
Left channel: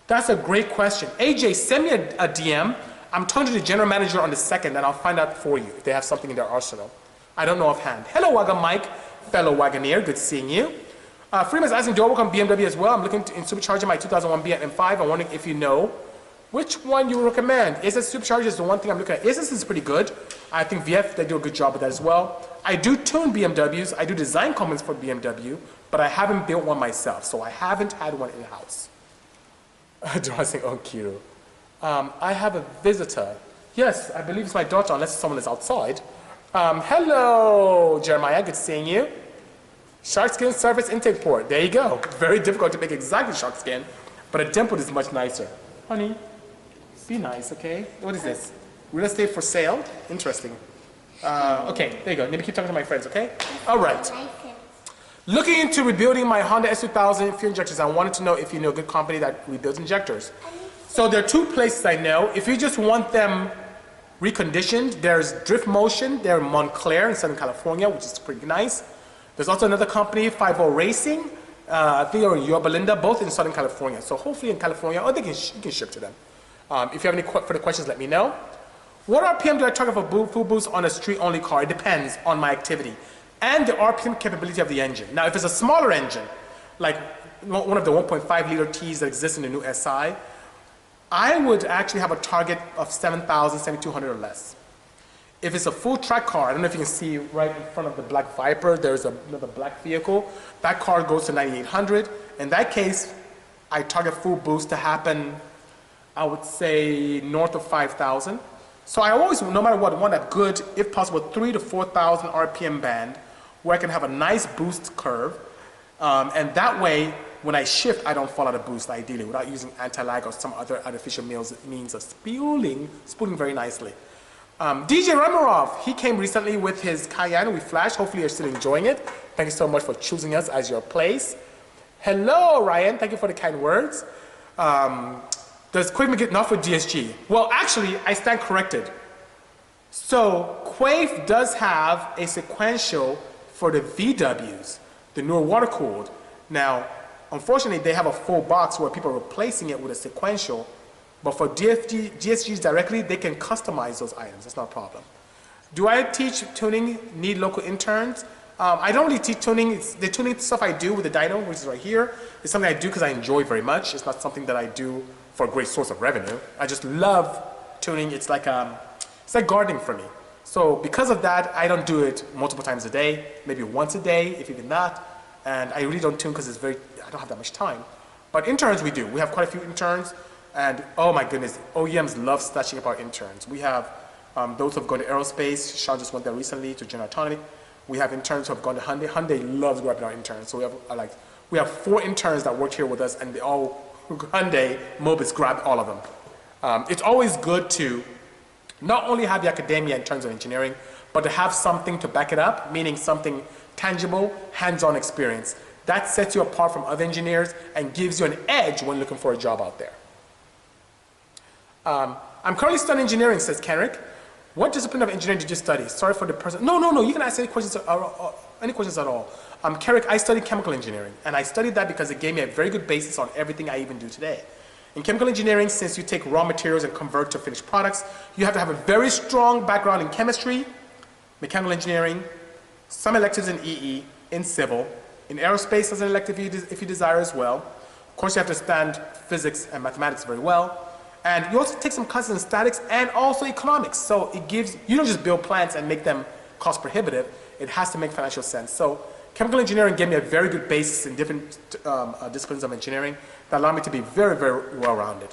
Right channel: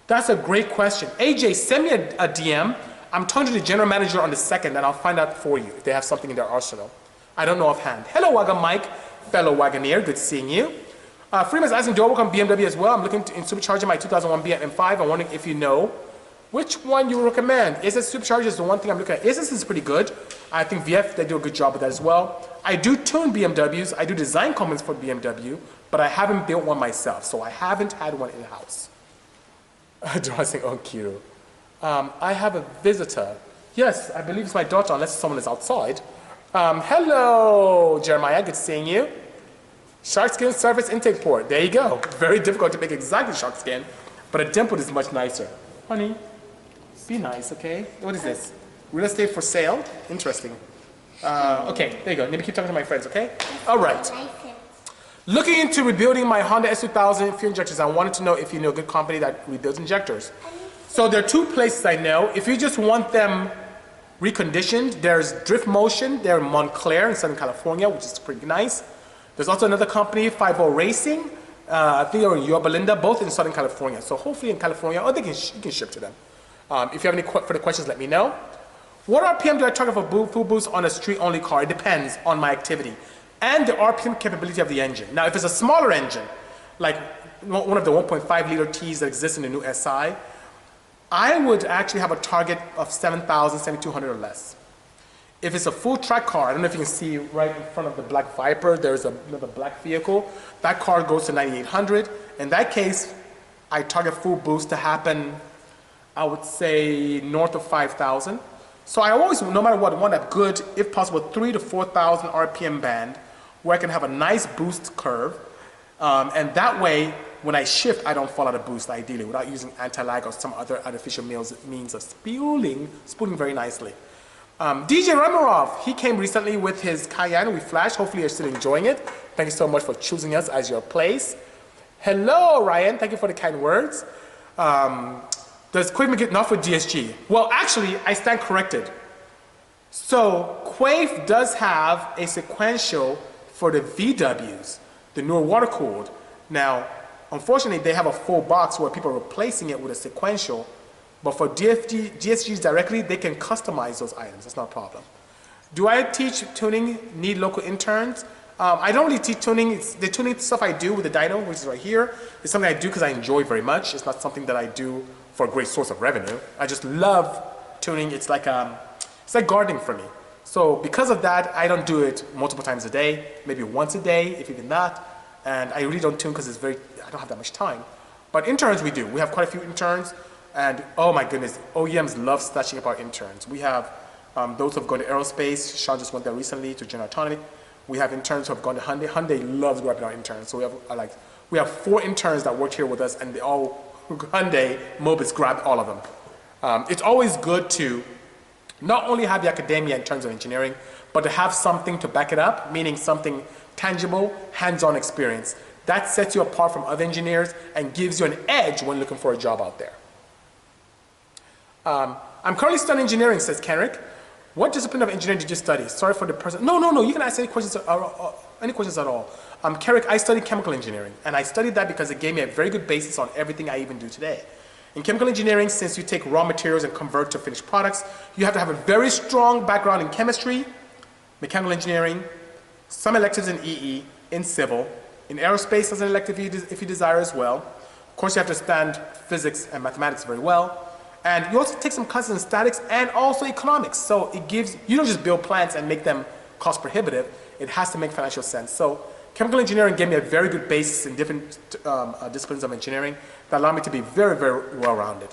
That's a great question. AJ, send me a DM. I'm talking to the general manager on the 2nd, and I'll find out for you if they have something in their arsenal. I don't know offhand. Hello, Wagon Mike, fellow Wagoneer. Good seeing you. Freeman's asking, do I work on BMW as well? I'm looking in supercharging my 2001 BMW M5. I'm wondering if you know. Which one you recommend? Asus Supercharger is the one thing I'm looking at. Asus is pretty good. I think VF, they do a good job with that as well. I do tune BMWs. I do design comments for BMW, but I haven't built one myself, so I haven't had one in-house. Dressing on Kiro. I have a visitor. Yes, I believe it's my daughter, unless someone is outside. Hello, Jeremiah, good seeing you. Shark skin surface intake port. There you go. Very difficult to make exactly shark skin, but a dimple is much nicer. Honey, be nice, okay? What is this? Real estate for sale? Interesting. Okay, there you go. Let me keep talking to my friends, okay? All right. Looking into rebuilding my Honda S2000 fuel injectors, I wanted to know if you know a good company that rebuilds injectors. So there are two places I know. If you just want them reconditioned, there's Drift Motion. They're in Montclair in Southern California, which is pretty nice. There's also another company, 50 Racing. I think they're in Yorba Linda, both in Southern California. So hopefully in California, or you can ship to them. If you have any further questions, let me know. What RPM do I target for full boost on a street-only car? It depends on my activity and the RPM capability of the engine. Now, if it's a smaller engine, like one of the 1.5 liter Ts that exists in the new SI, I would actually have a target of 7,000, 7,200 or less. If it's a full track car, I don't know if you can see right in front of the black Viper, there's another black vehicle. That car goes to 9,800. In that case, I target full boost to happen, I would say, north of 5,000. So I always, no matter what, want a good, if possible, 3,000 to 4,000 RPM band where I can have a nice boost curve. And that way, when I shift, I don't fall out of boost, ideally, without using anti-lag or some other artificial means of spooling very nicely. DJ Ramirov, he came recently with his Cayenne. We flashed. Hopefully you're still enjoying it. Thank you so much for choosing us as your place. Hello, Ryan. Thank you for the kind words. Does Quave get enough for DSG? Well, actually, I stand corrected. So Quave does have a sequential for the VWs, the newer water-cooled. Now, unfortunately, they have a full box where people are replacing it with a sequential. But for DSGs directly, they can customize those items. That's not a problem. Do I teach tuning, need local interns? I don't really teach tuning. The tuning stuff I do with the dyno, which is right here, is something I do because I enjoy very much. It's not something that I do for a great source of revenue. I just love tuning. It's like gardening for me. So because of that, I don't do it multiple times a day, maybe once a day, if even that. And I really don't tune because I don't have that much time. But interns we do. We have quite a few interns. And oh my goodness, OEMs love snatching up our interns. We have those who have gone to aerospace. Sean just went there recently to General Atomic. We have interns who have gone to Hyundai. Hyundai loves grabbing our interns. So we have 4 interns that work here with us, and they all Hyundai Mobis grabbed all of them. It's always good to not only have the academia in terms of engineering, but to have something to back it up, meaning something tangible, hands-on experience. That sets you apart from other engineers and gives you an edge when looking for a job out there. I'm currently studying engineering, says Kenrick. What discipline of engineering did you study? Sorry for the person. No, you can ask any questions at all. Kenrick, I studied chemical engineering, and I studied that because it gave me a very good basis on everything I even do today. In chemical engineering, since you take raw materials and convert to finished products, you have to have a very strong background in chemistry, mechanical engineering, some electives in EE, in civil, in aerospace as an elective if you desire as well. Of course, you have to understand physics and mathematics very well. And you also take some classes in statics and also economics. So it gives, you don't just build plants and make them cost prohibitive. It has to make financial sense. So chemical engineering gave me a very good basis in different disciplines of engineering that allowed me to be very, very well-rounded.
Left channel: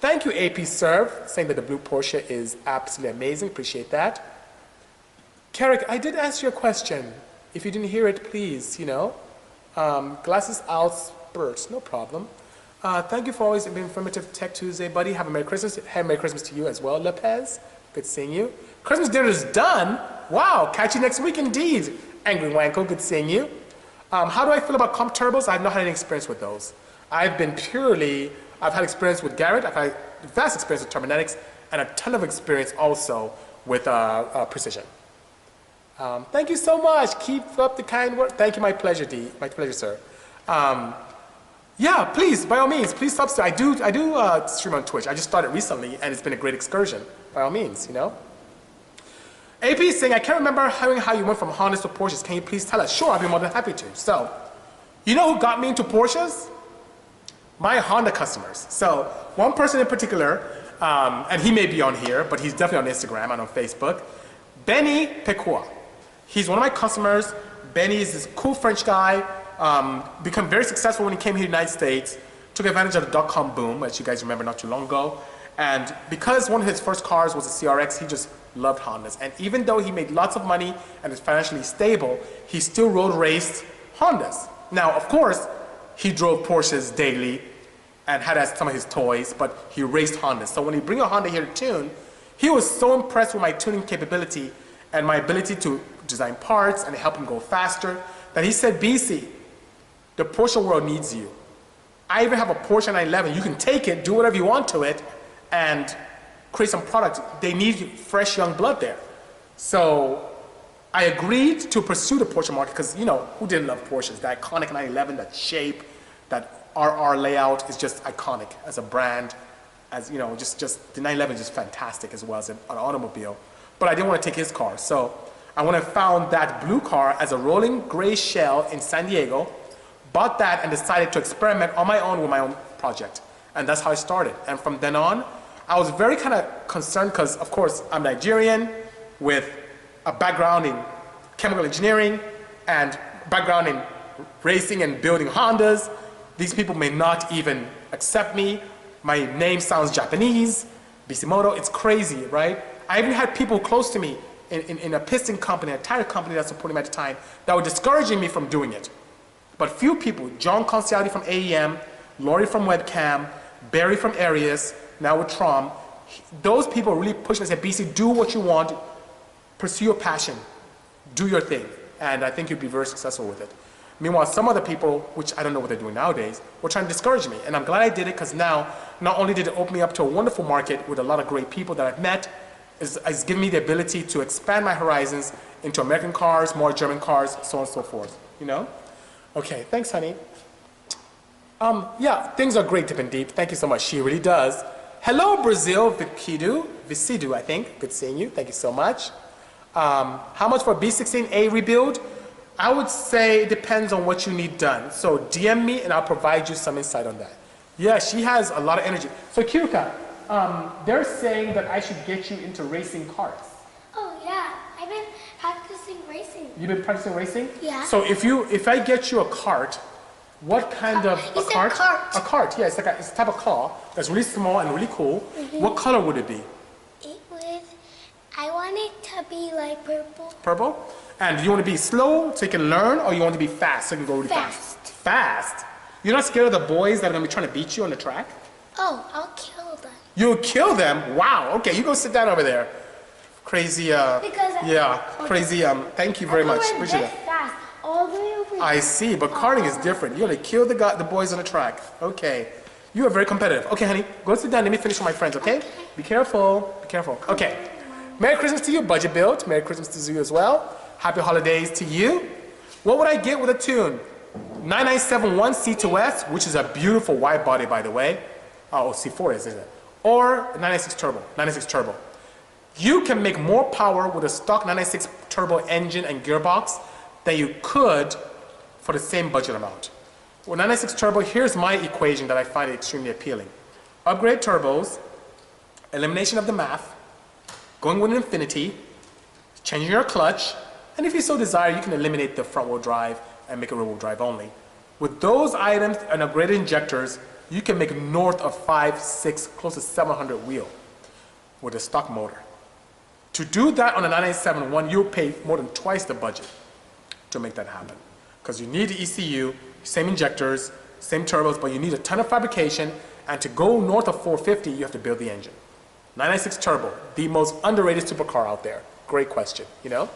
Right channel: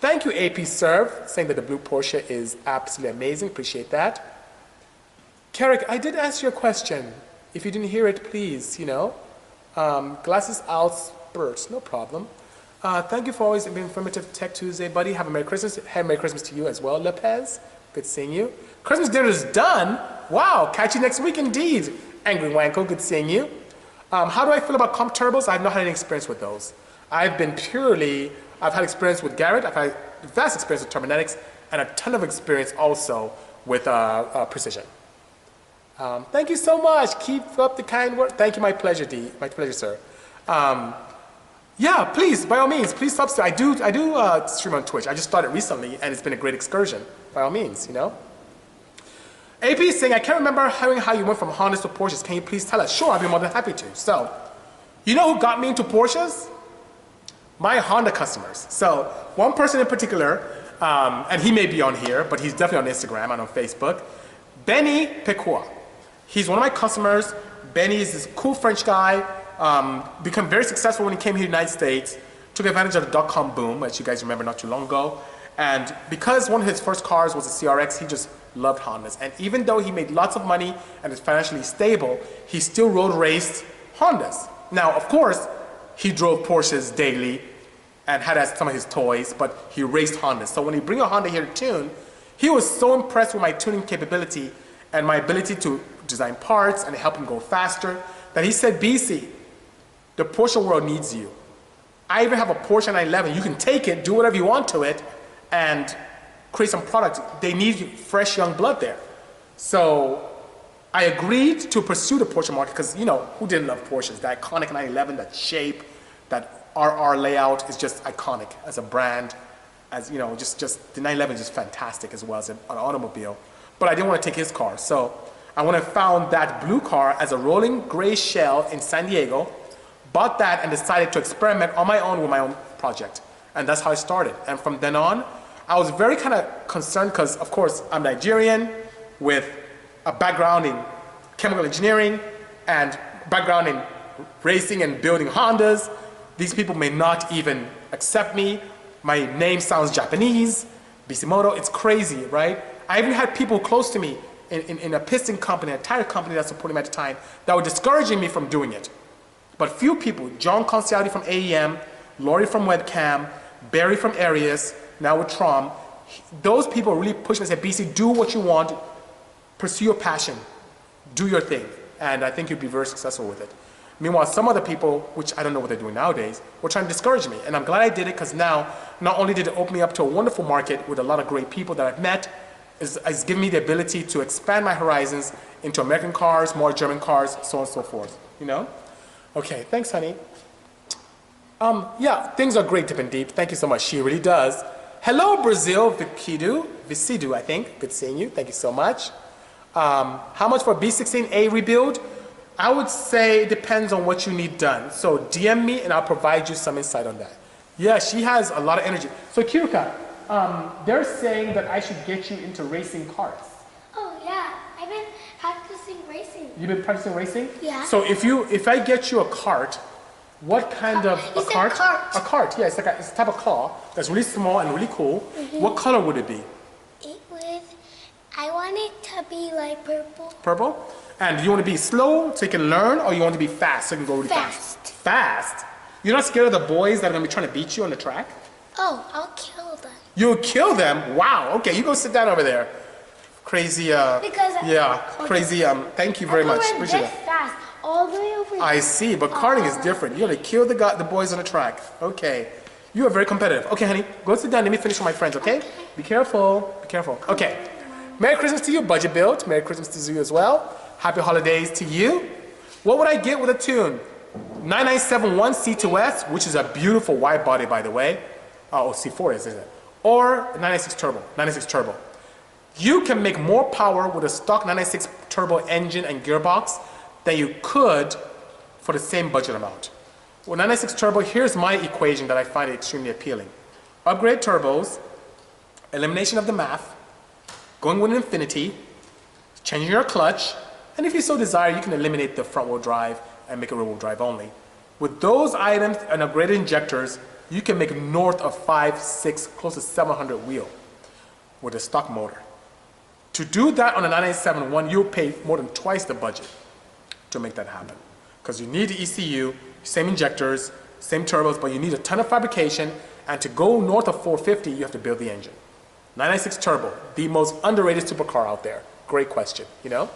Thank you, AP Serve, saying that the blue Porsche is absolutely amazing. Appreciate that. Carrick, I did ask you a question. If you didn't hear it, please, glasses out spurts, no problem. Thank you for always being informative Tech2sDay, buddy. Have a Merry Christmas. Have a Merry Christmas to you as well, Lopez. Good seeing you. Christmas dinner is done. Wow, catch you next week indeed. Angry Wanko, good seeing you. How do I feel about comp turbos? I've not had any experience with those. I've had experience with Garrett. I've had vast experience with Terminetics and a ton of experience also with Precision. Thank you so much. Keep up the kind work. Thank you, my pleasure, D. My pleasure, sir. Yeah, please, by all means, please subscribe. I do stream on Twitch. I just started recently, and it's been a great excursion. By all means, AP is saying, I can't remember how you went from Hondas to Porsches. Can you please tell us? Sure, I'll be more than happy to. So, you know who got me into Porsches? My Honda customers. So, one person in particular, And he may be on here, but he's definitely on Instagram and on Facebook. Benny Pecua. He's one of my customers. Benny is this cool French guy, become very successful when he came here to the United States, took advantage of the dot-com boom, as you guys remember not too long ago. And because one of his first cars was a CRX, he just loved Hondas. And even though he made lots of money and is financially stable, he still road raced Hondas. Now, of course, he drove Porsches daily and had as some of his toys, but he raced Hondas. So when he bring a Honda here to tune, he was so impressed with my tuning capability and my ability to design parts and help him go faster that he said, Bisi, the Porsche world needs you. I even have a Porsche 911. You can take it, do whatever you want to it, and create some product. They need fresh young blood there. So I agreed to pursue the Porsche market because, you know, who didn't love Porsches? The iconic 911, that shape, that RR layout is just iconic as a brand. As you know, just the 911 is just fantastic as well as an automobile. But I didn't want to take his car. So I went and found that blue car as a rolling gray shell in San Diego, bought that and decided to experiment on my own with my own project. And that's how I started. And from then on, I was very kind of concerned because, of course, I'm Nigerian with a background in chemical engineering and background in racing and building Hondas. These people may not even accept me. My name sounds Japanese, Bisimoto, it's crazy, right? I even had people close to me in a piston company, a tire company that supported me at the time, that were discouraging me from doing it. But few people, John Conciati from AEM, Laurie from Webcam, Barry from Arius, now with Trom, those people really pushed me and said, BC, do what you want, pursue your passion, do your thing, and I think you'll be very successful with it. Meanwhile, some other people, which I don't know what they're doing nowadays, were trying to discourage me. And I'm glad I did it because now, not only did it open me up to a wonderful market with a lot of great people that I've met, it's given me the ability to expand my horizons into American cars, more German cars, so on and so forth, you know? Okay, thanks, honey. Yeah, things are great, Dip and Deep. Thank you so much. She really does. Hello, Brazil, Visidu, I think. Good seeing you. Thank you so much. How much for B16A rebuild? I would say it depends on what you need done. So DM me and I'll provide you some insight on that. Yeah, she has a lot of energy. So Kiruka, they're saying that I should get you into racing cars. Oh yeah, I've been practicing racing. You've been practicing racing? Yeah. So if I get you a cart, what kind of a cart? A cart, yeah, it's a type of car that's really small and really cool. Mm-hmm. What color would it be? I want it to be like purple. Purple? And do you want to be slow so you can learn, or you want to be fast so you can go really fast? Fast? You're not scared of the boys that are going to be trying to beat you on the track? Oh, I'll kill them. You'll kill them? Wow. Okay, you go sit down over there. Crazy, crazy, thank you very much. Appreciate it. Fast, all the way over here. I see, but karting is different. You're going to kill the boys on the track. Okay. You are very competitive. Okay, honey, go sit down. Let me finish with my friends, okay? Be careful. Be careful. Okay. Merry Christmas to you, Budget Built. Merry Christmas to you as well. Happy holidays to you. What would I get with a tune? 9971 C2S, which is a beautiful wide body, by the way. Oh, C4 isn't it? Or 96 Turbo. You can make more power with a stock 96 Turbo engine and gearbox than you could for the same budget amount. With 96 Turbo, here's my equation that I find extremely appealing. Upgrade turbos, elimination of the math, going with infinity, changing your clutch, and if you so desire, you can eliminate the front-wheel drive and make it rear-wheel drive only. With those items and upgraded injectors, you can make north of 5, 6, close to 700 wheel with a stock motor. To do that on a 997-1, you'll pay more than twice the budget to make that happen. Because you need the ECU, same injectors, same turbos, but you need a ton of fabrication, and to go north of 450, you have to build the engine. 996 Turbo, the most underrated supercar out there. Great question, you know?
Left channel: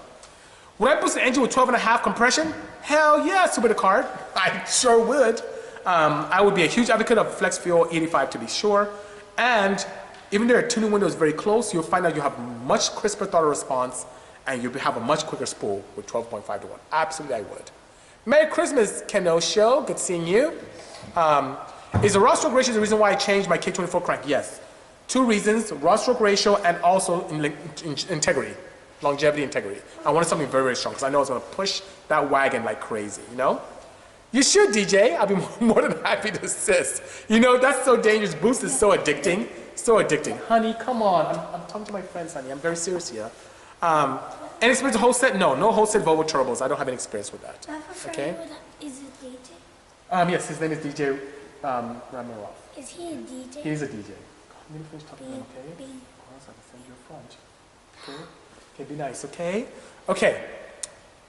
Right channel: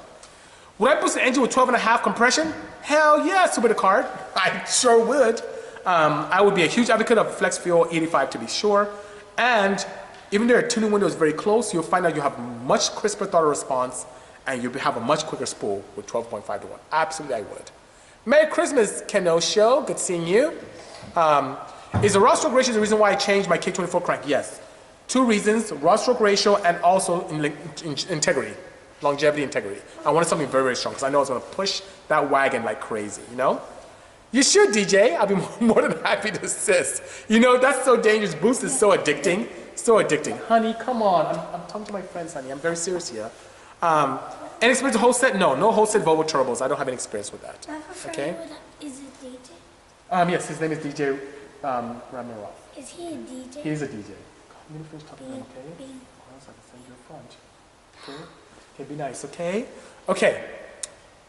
Would I boost an engine with 12.5 compression? Hell yeah, Supercar. I sure would. I would be a huge advocate of Flex Fuel 85 to be sure. And even though your tuning window is very close, you'll find out you have much crisper throttle response and you'll have a much quicker spool with 12.5 to 1. Absolutely, I would. Merry Christmas, Keno Show. Good seeing you. Is the raw stroke ratio the reason why I changed my K24 crank? Yes. 2 reasons, raw stroke ratio and also integrity. Longevity, integrity. I wanted something very, very strong because I know I was going to push that wagon like crazy, you know? You should, DJ. I'll be more than happy to assist. You know, that's so dangerous. Boost is so addicting. So addicting. Honey, come on. I'm talking to my friends, honey. I'm very serious here. Any experience with whole set? No, no whole set Volvo turbos. I don't have any experience with that. Okay? Is it DJ? Yes, his name is DJ Ramirov. Is he a DJ? He's a DJ. Let me finish talking to him, okay? B. Or else I can send you a front. Okay? Okay, be nice, okay? Okay.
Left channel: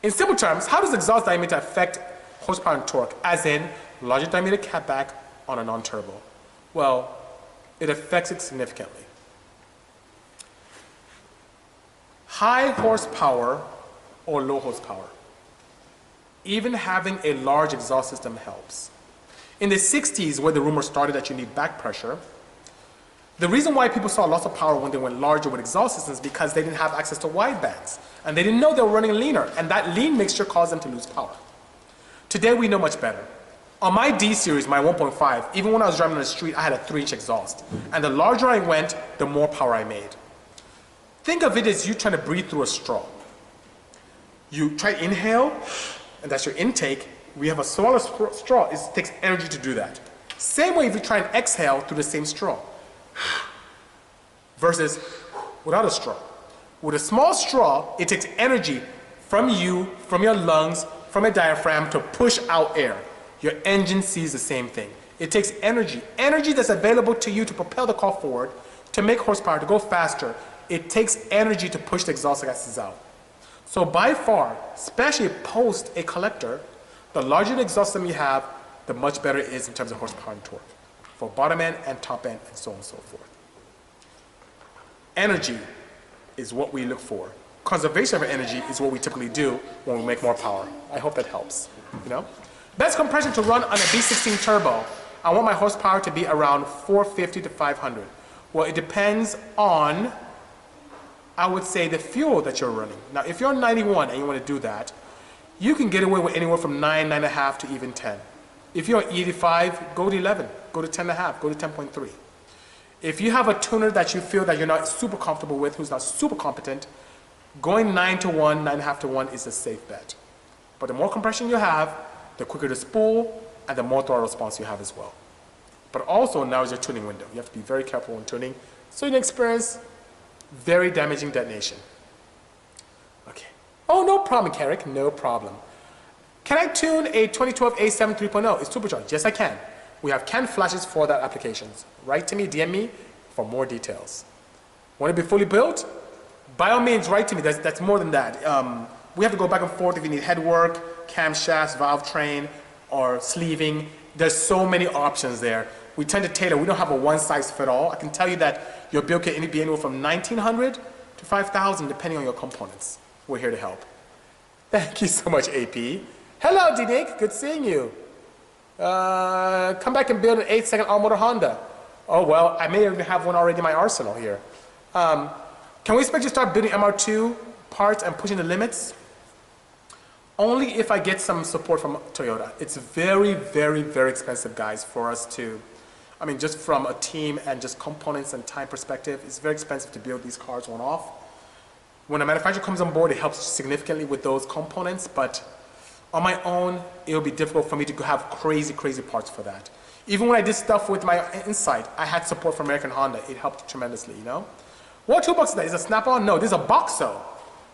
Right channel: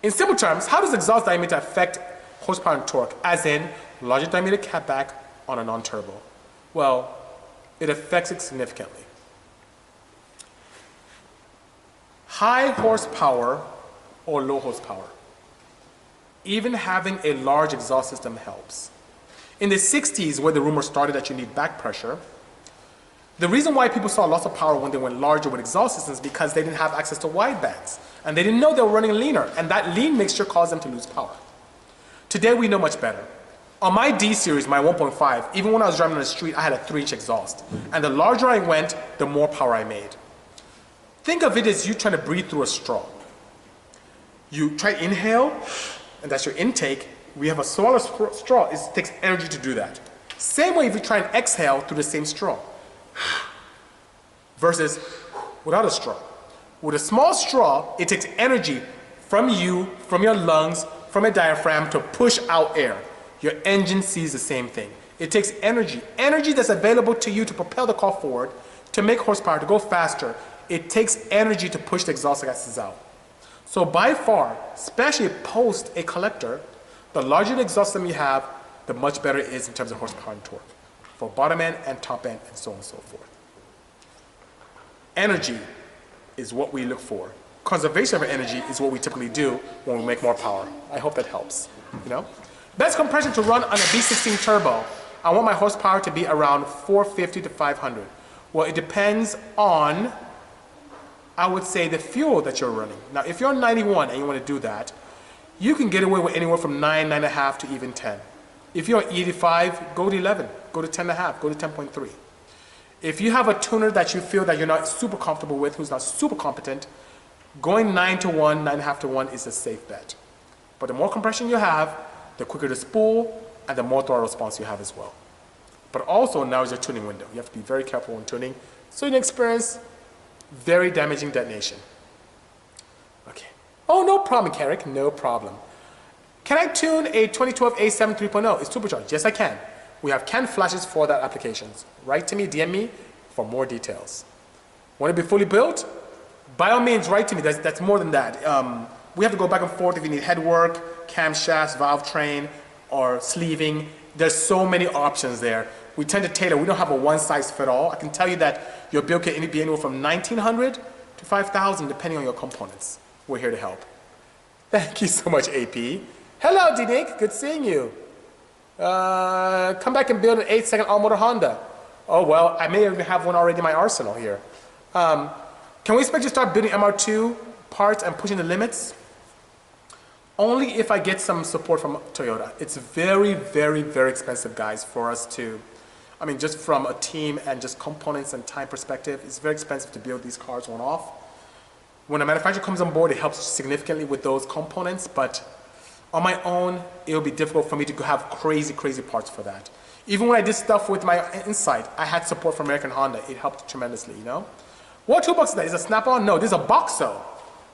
In simple terms, how does exhaust diameter affect horsepower and torque? As in, larger diameter catback on a non-turbo. Well, it affects it significantly. High horsepower or low horsepower. Even having a large exhaust system helps. In the 60s, where the rumor started that you need back pressure, the reason why people saw lots of power when they went larger with exhaust systems is because they didn't have access to wide bands. And they didn't know they were running leaner. And that lean mixture caused them to lose power. Today, we know much better. On my D series, my 1.5, even when I was driving on the street, I had a 3-inch exhaust. And the larger I went, the more power I made. Think of it as you trying to breathe through a straw. You try to inhale, and that's your intake. We have a smaller straw. It takes energy to do that. Same way if you try and exhale through the same straw. Versus without a straw. With a small straw, it takes energy from you, from your lungs, from your diaphragm to push out air. Your engine sees the same thing. It takes energy. Energy that's available to you to propel the car forward, to make horsepower, to go faster. It takes energy to push the exhaust gases out. So by far, especially post a collector, the larger the exhaust system you have, the much better it is in terms of horsepower and torque. For bottom end and top end and so on and so forth. Energy is what we look for. Conservation of energy is what we typically do when we make more power. I hope that helps. You know? Best compression to run on a B16 turbo. I want my horsepower to be around 450 to 500. Well, it depends on, I would say, the fuel that you're running. Now, if you're on 91 and you want to do that, you can get away with anywhere from 9, 9.5 to even 10. If you're on 85, go to 11, go to 10.5, go to 10.3. If you have a tuner that you feel that you're not super comfortable with, who's not super competent, going 9 to 1, 9.5 to 1 is a safe bet. But the more compression you have, the quicker the spool and the more throttle response you have as well. But also now is your tuning window. You have to be very careful when tuning so you don't experience very damaging detonation. Okay. Oh, no problem, Carrick, no problem. Can I tune a 2012 A7 3.0? It's supercharged. Yes, I can. We have CAN flashes for that applications. Write to me, DM me for more details. Want it to be fully built? By all means, write to me. That's more than that. We have to go back and forth if you need headwork, camshafts, valve train, or sleeving. There's so many options there. We tend to tailor. We don't have a one-size-fit-all. I can tell you that your bill can be anywhere from $1,900 to $5,000 depending on your components. We're here to help. Thank you so much, AP. Hello, D-Nick. Good seeing you. Come back and build an 8-second all-motor Honda. Oh, well, I may even have one already in my arsenal here. Can we expect you to start building MR2 parts and pushing the limits? Only if I get some support from Toyota. It's very, very, very expensive, guys, for us to, I mean, just from a team and just components and time perspective, it's very expensive to build these cars one-off. When a manufacturer comes on board, it helps significantly with those components, but on my own, it will be difficult for me to have crazy, crazy parts for that. Even when I did stuff with my Insight, I had support from American Honda. It helped tremendously, you know? What toolbox is that? Is it a Snap-on? No, this is a Boxo.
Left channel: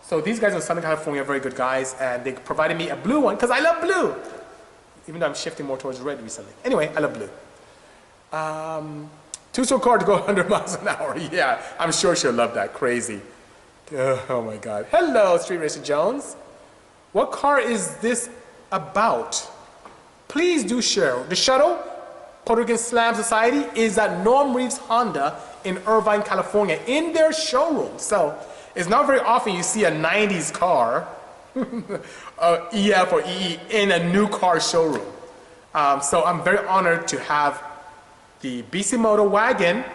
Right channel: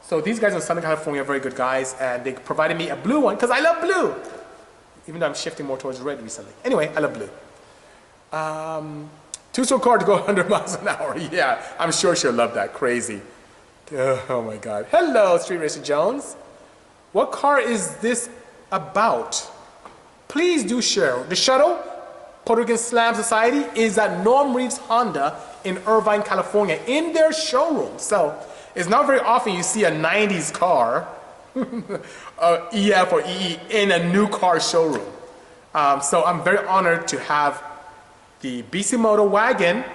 So these guys in Southern California are very good guys, and they provided me a blue one, because I love blue. Even though I'm shifting more towards red recently. Anyway, I love blue. Two-stroke car to go 100 miles an hour. Yeah, I'm sure she'll love that. Crazy. Oh my God. Hello, Street Racer Jones. What car is this about? Please do share. The Shuttle, Puerto Rican Slam Society, is at Norm Reeves Honda in Irvine, California, in their showroom. So it's not very often you see a 90s car, EF or EE, in a new car showroom. So I'm very honored to have the Bisimoto wagon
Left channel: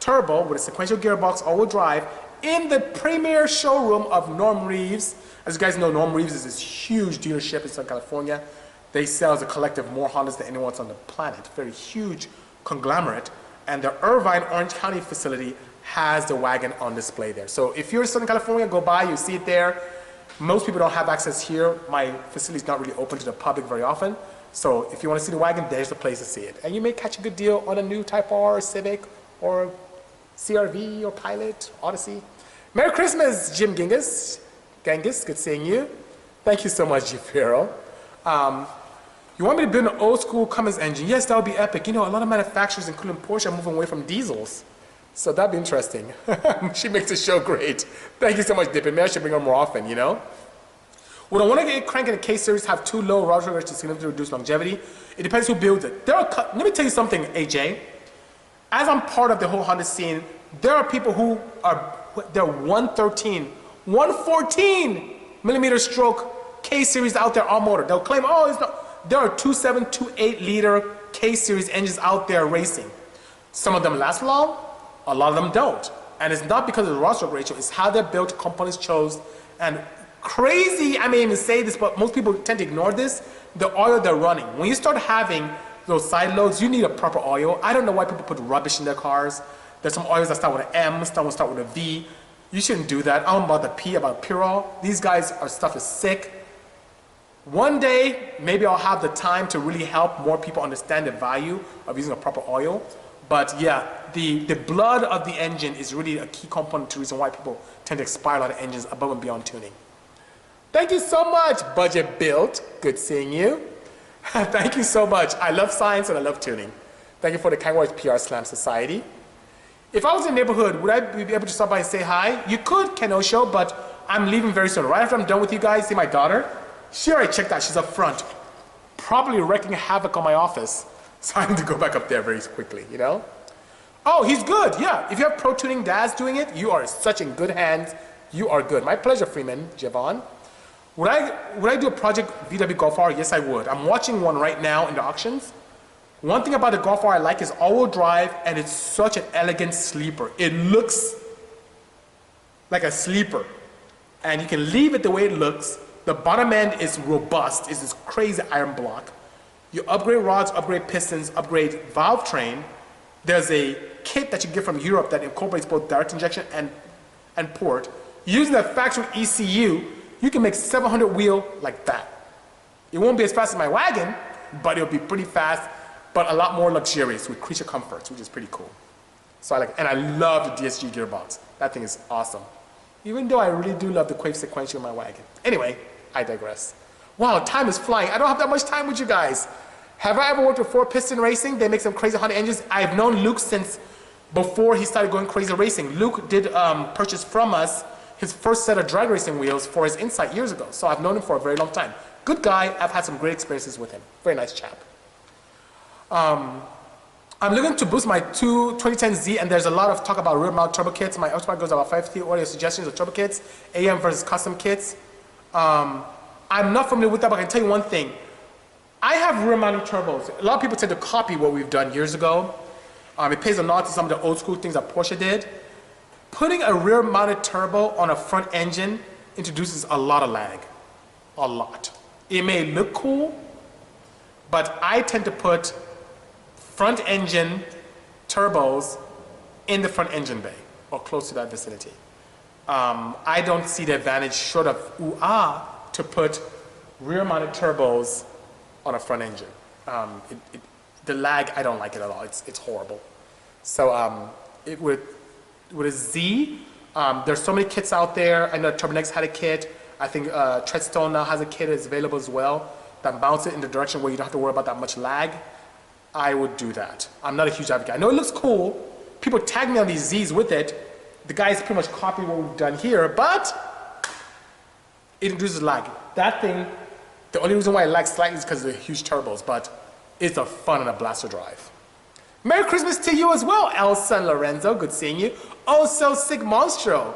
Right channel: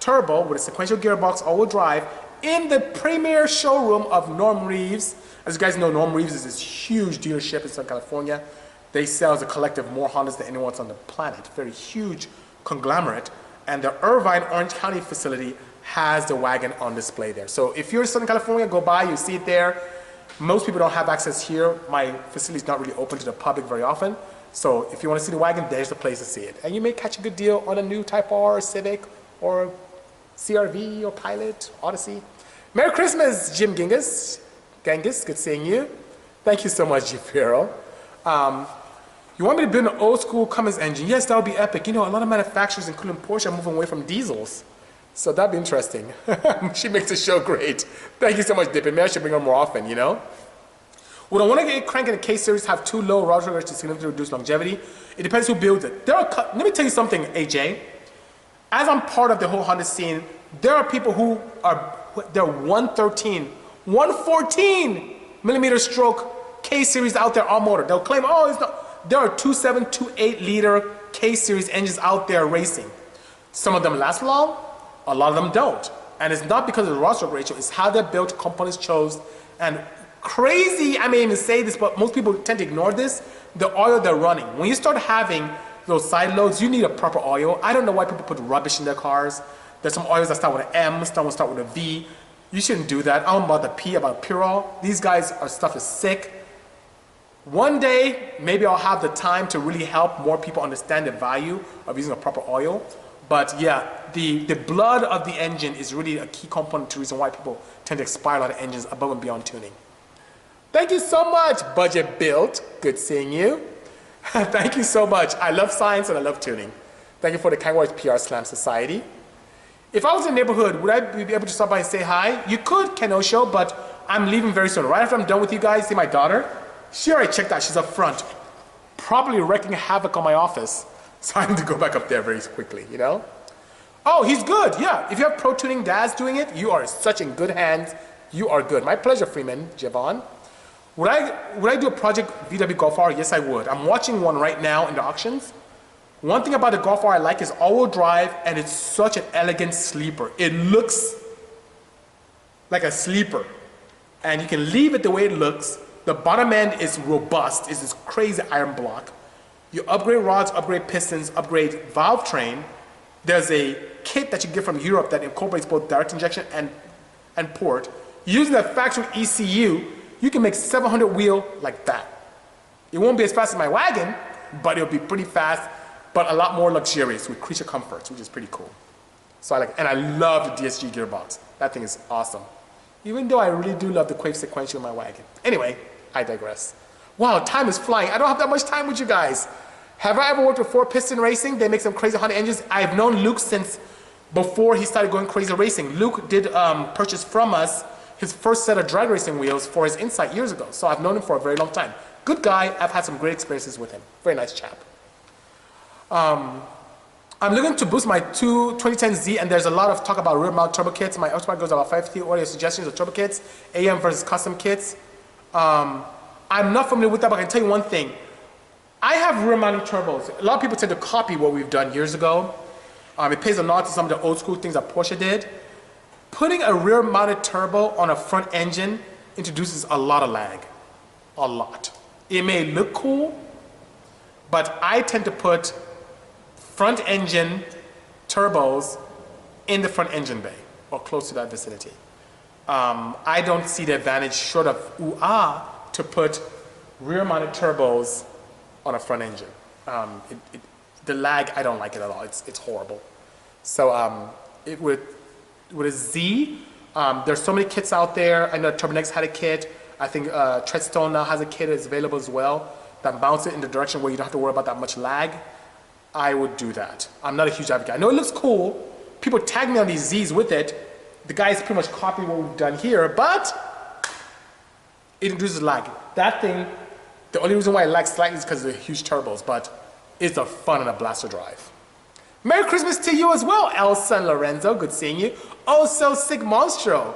turbo with a sequential gearbox all-wheel drive in the premier showroom of Norm Reeves. As you guys know, Norm Reeves is this huge dealership in Southern California. They sell as a collective more Hondas than anyone else on the planet. Very huge conglomerate. And the Irvine, Orange County facility has the wagon on display there. So if you're in Southern California, go by, you see it there. Most people don't have access here. My facility is not really open to the public very often. So if you want to see the wagon, there's the place to see it. And you may catch a good deal on a new Type R or Civic or CRV or Pilot, Odyssey. Merry Christmas, Jim Genghis. Genghis, good seeing you. Thank you so much, Jafiro. You want me to build an old school Cummins engine? Yes, that would be epic. You know, a lot of manufacturers, including Porsche, are moving away from diesels. So that'd be interesting. She makes the show great. Thank you so much, Dippin'. Maybe I should bring her more often, you know? Would I want to get crank in a K-Series, have too low rotary rates to significantly reduce longevity? It depends who builds it. Let me tell you something, AJ. As I'm part of the whole Honda scene, there are people who are, they're 113, 114 millimeter stroke K-Series out there all motor. They'll claim, oh, it's not. There are 2.7, 2.8 liter K-Series engines out there racing. Some of them last long, a lot of them don't. And it's not because of the rod stroke ratio, it's how they're built, components chose, and crazy, I may even say this, but most people tend to ignore this, the oil they're running. When you start having those side loads, you need a proper oil. I don't know why people put rubbish in their cars. There's some oils that start with an M, some start with a V. You shouldn't do that. I don't about the P, about Purol. These guys, our stuff is sick. One day, maybe I'll have the time to really help more people understand the value of using a proper oil. But yeah, the blood of the engine is really a key component to the reason why people tend to expire a lot of engines above and beyond tuning. Thank you so much, Budget Built. Good seeing you. Thank you so much. I love science and I love tuning. Thank you for the kind words, PR Slam Society. If I was in the neighborhood, would I be able to stop by and say hi? You could, Kenosho, but I'm leaving very soon. Right after I'm done with you guys, see my daughter? She already checked out. She's up front, probably wreaking havoc on my office. So I need to go back up there very quickly, you know? Oh, he's good, yeah. If you have pro tuning dads doing it, you are such in good hands. You are good. My pleasure, Freeman, Javon. Would I do a project VW Golf R? Yes, I would. I'm watching one right now in the auctions. One thing about the Golf R I like is all-wheel drive, and it's such an elegant sleeper. It looks like a sleeper, and you can leave it the way it looks. The bottom end is robust. It's this crazy iron block. You upgrade rods, upgrade pistons, upgrade valve train. There's a kit that you get from Europe that incorporates both direct injection and port. Using the factory ECU, you can make 700 wheel like that. It won't be as fast as my wagon, but it'll be pretty fast, but a lot more luxurious with creature comforts, which is pretty cool. So and I love the DSG gearbox. That thing is awesome. Even though I really do love the Quave sequential in my wagon. Anyway, I digress. Wow, time is flying. I don't have that much time with you guys. Have I ever worked with 4-piston racing? They make some crazy Honda engines. I've known Luke since before he started going crazy racing. Luke did purchase from us his first set of drag racing wheels for his Insight years ago. So I've known him for a very long time. Good guy. I've had some great experiences with him. Very nice chap. I'm looking to boost my 2010Z, and there's a lot of talk about rear mount turbo kits. My Xmas goes about 550. What are your suggestions of turbo kits? AM versus custom kits. I'm not familiar with that, but I can tell you one thing. I have rear mounting turbos. A lot of people tend to copy what we've done years ago. It pays a nod to some of the old school things that Porsche did. Putting a rear mounted turbo on a front engine introduces a lot of lag. A lot. It may look cool, but I tend to put front engine turbos in the front engine bay or close to that vicinity. I don't see the advantage short of to put rear mounted turbos on a front engine. The lag, I don't like it at all. It's horrible. So with a Z, there's so many kits out there. I know Turbonex had a kit. I think Treadstone now has a kit that's available as well that mounts it in the direction where you don't have to worry about that much lag. I would do that. I'm not a huge advocate. I know it looks cool. People tag me on these Zs with it. The guys pretty much copy what we've done here, but it introduces lag. That thing, the only reason why it lags slightly is because of the huge turbos, but it's a fun and a blast to drive. Merry Christmas to you as well, Elsa and Lorenzo. Good seeing you. Also, Sig Monstro.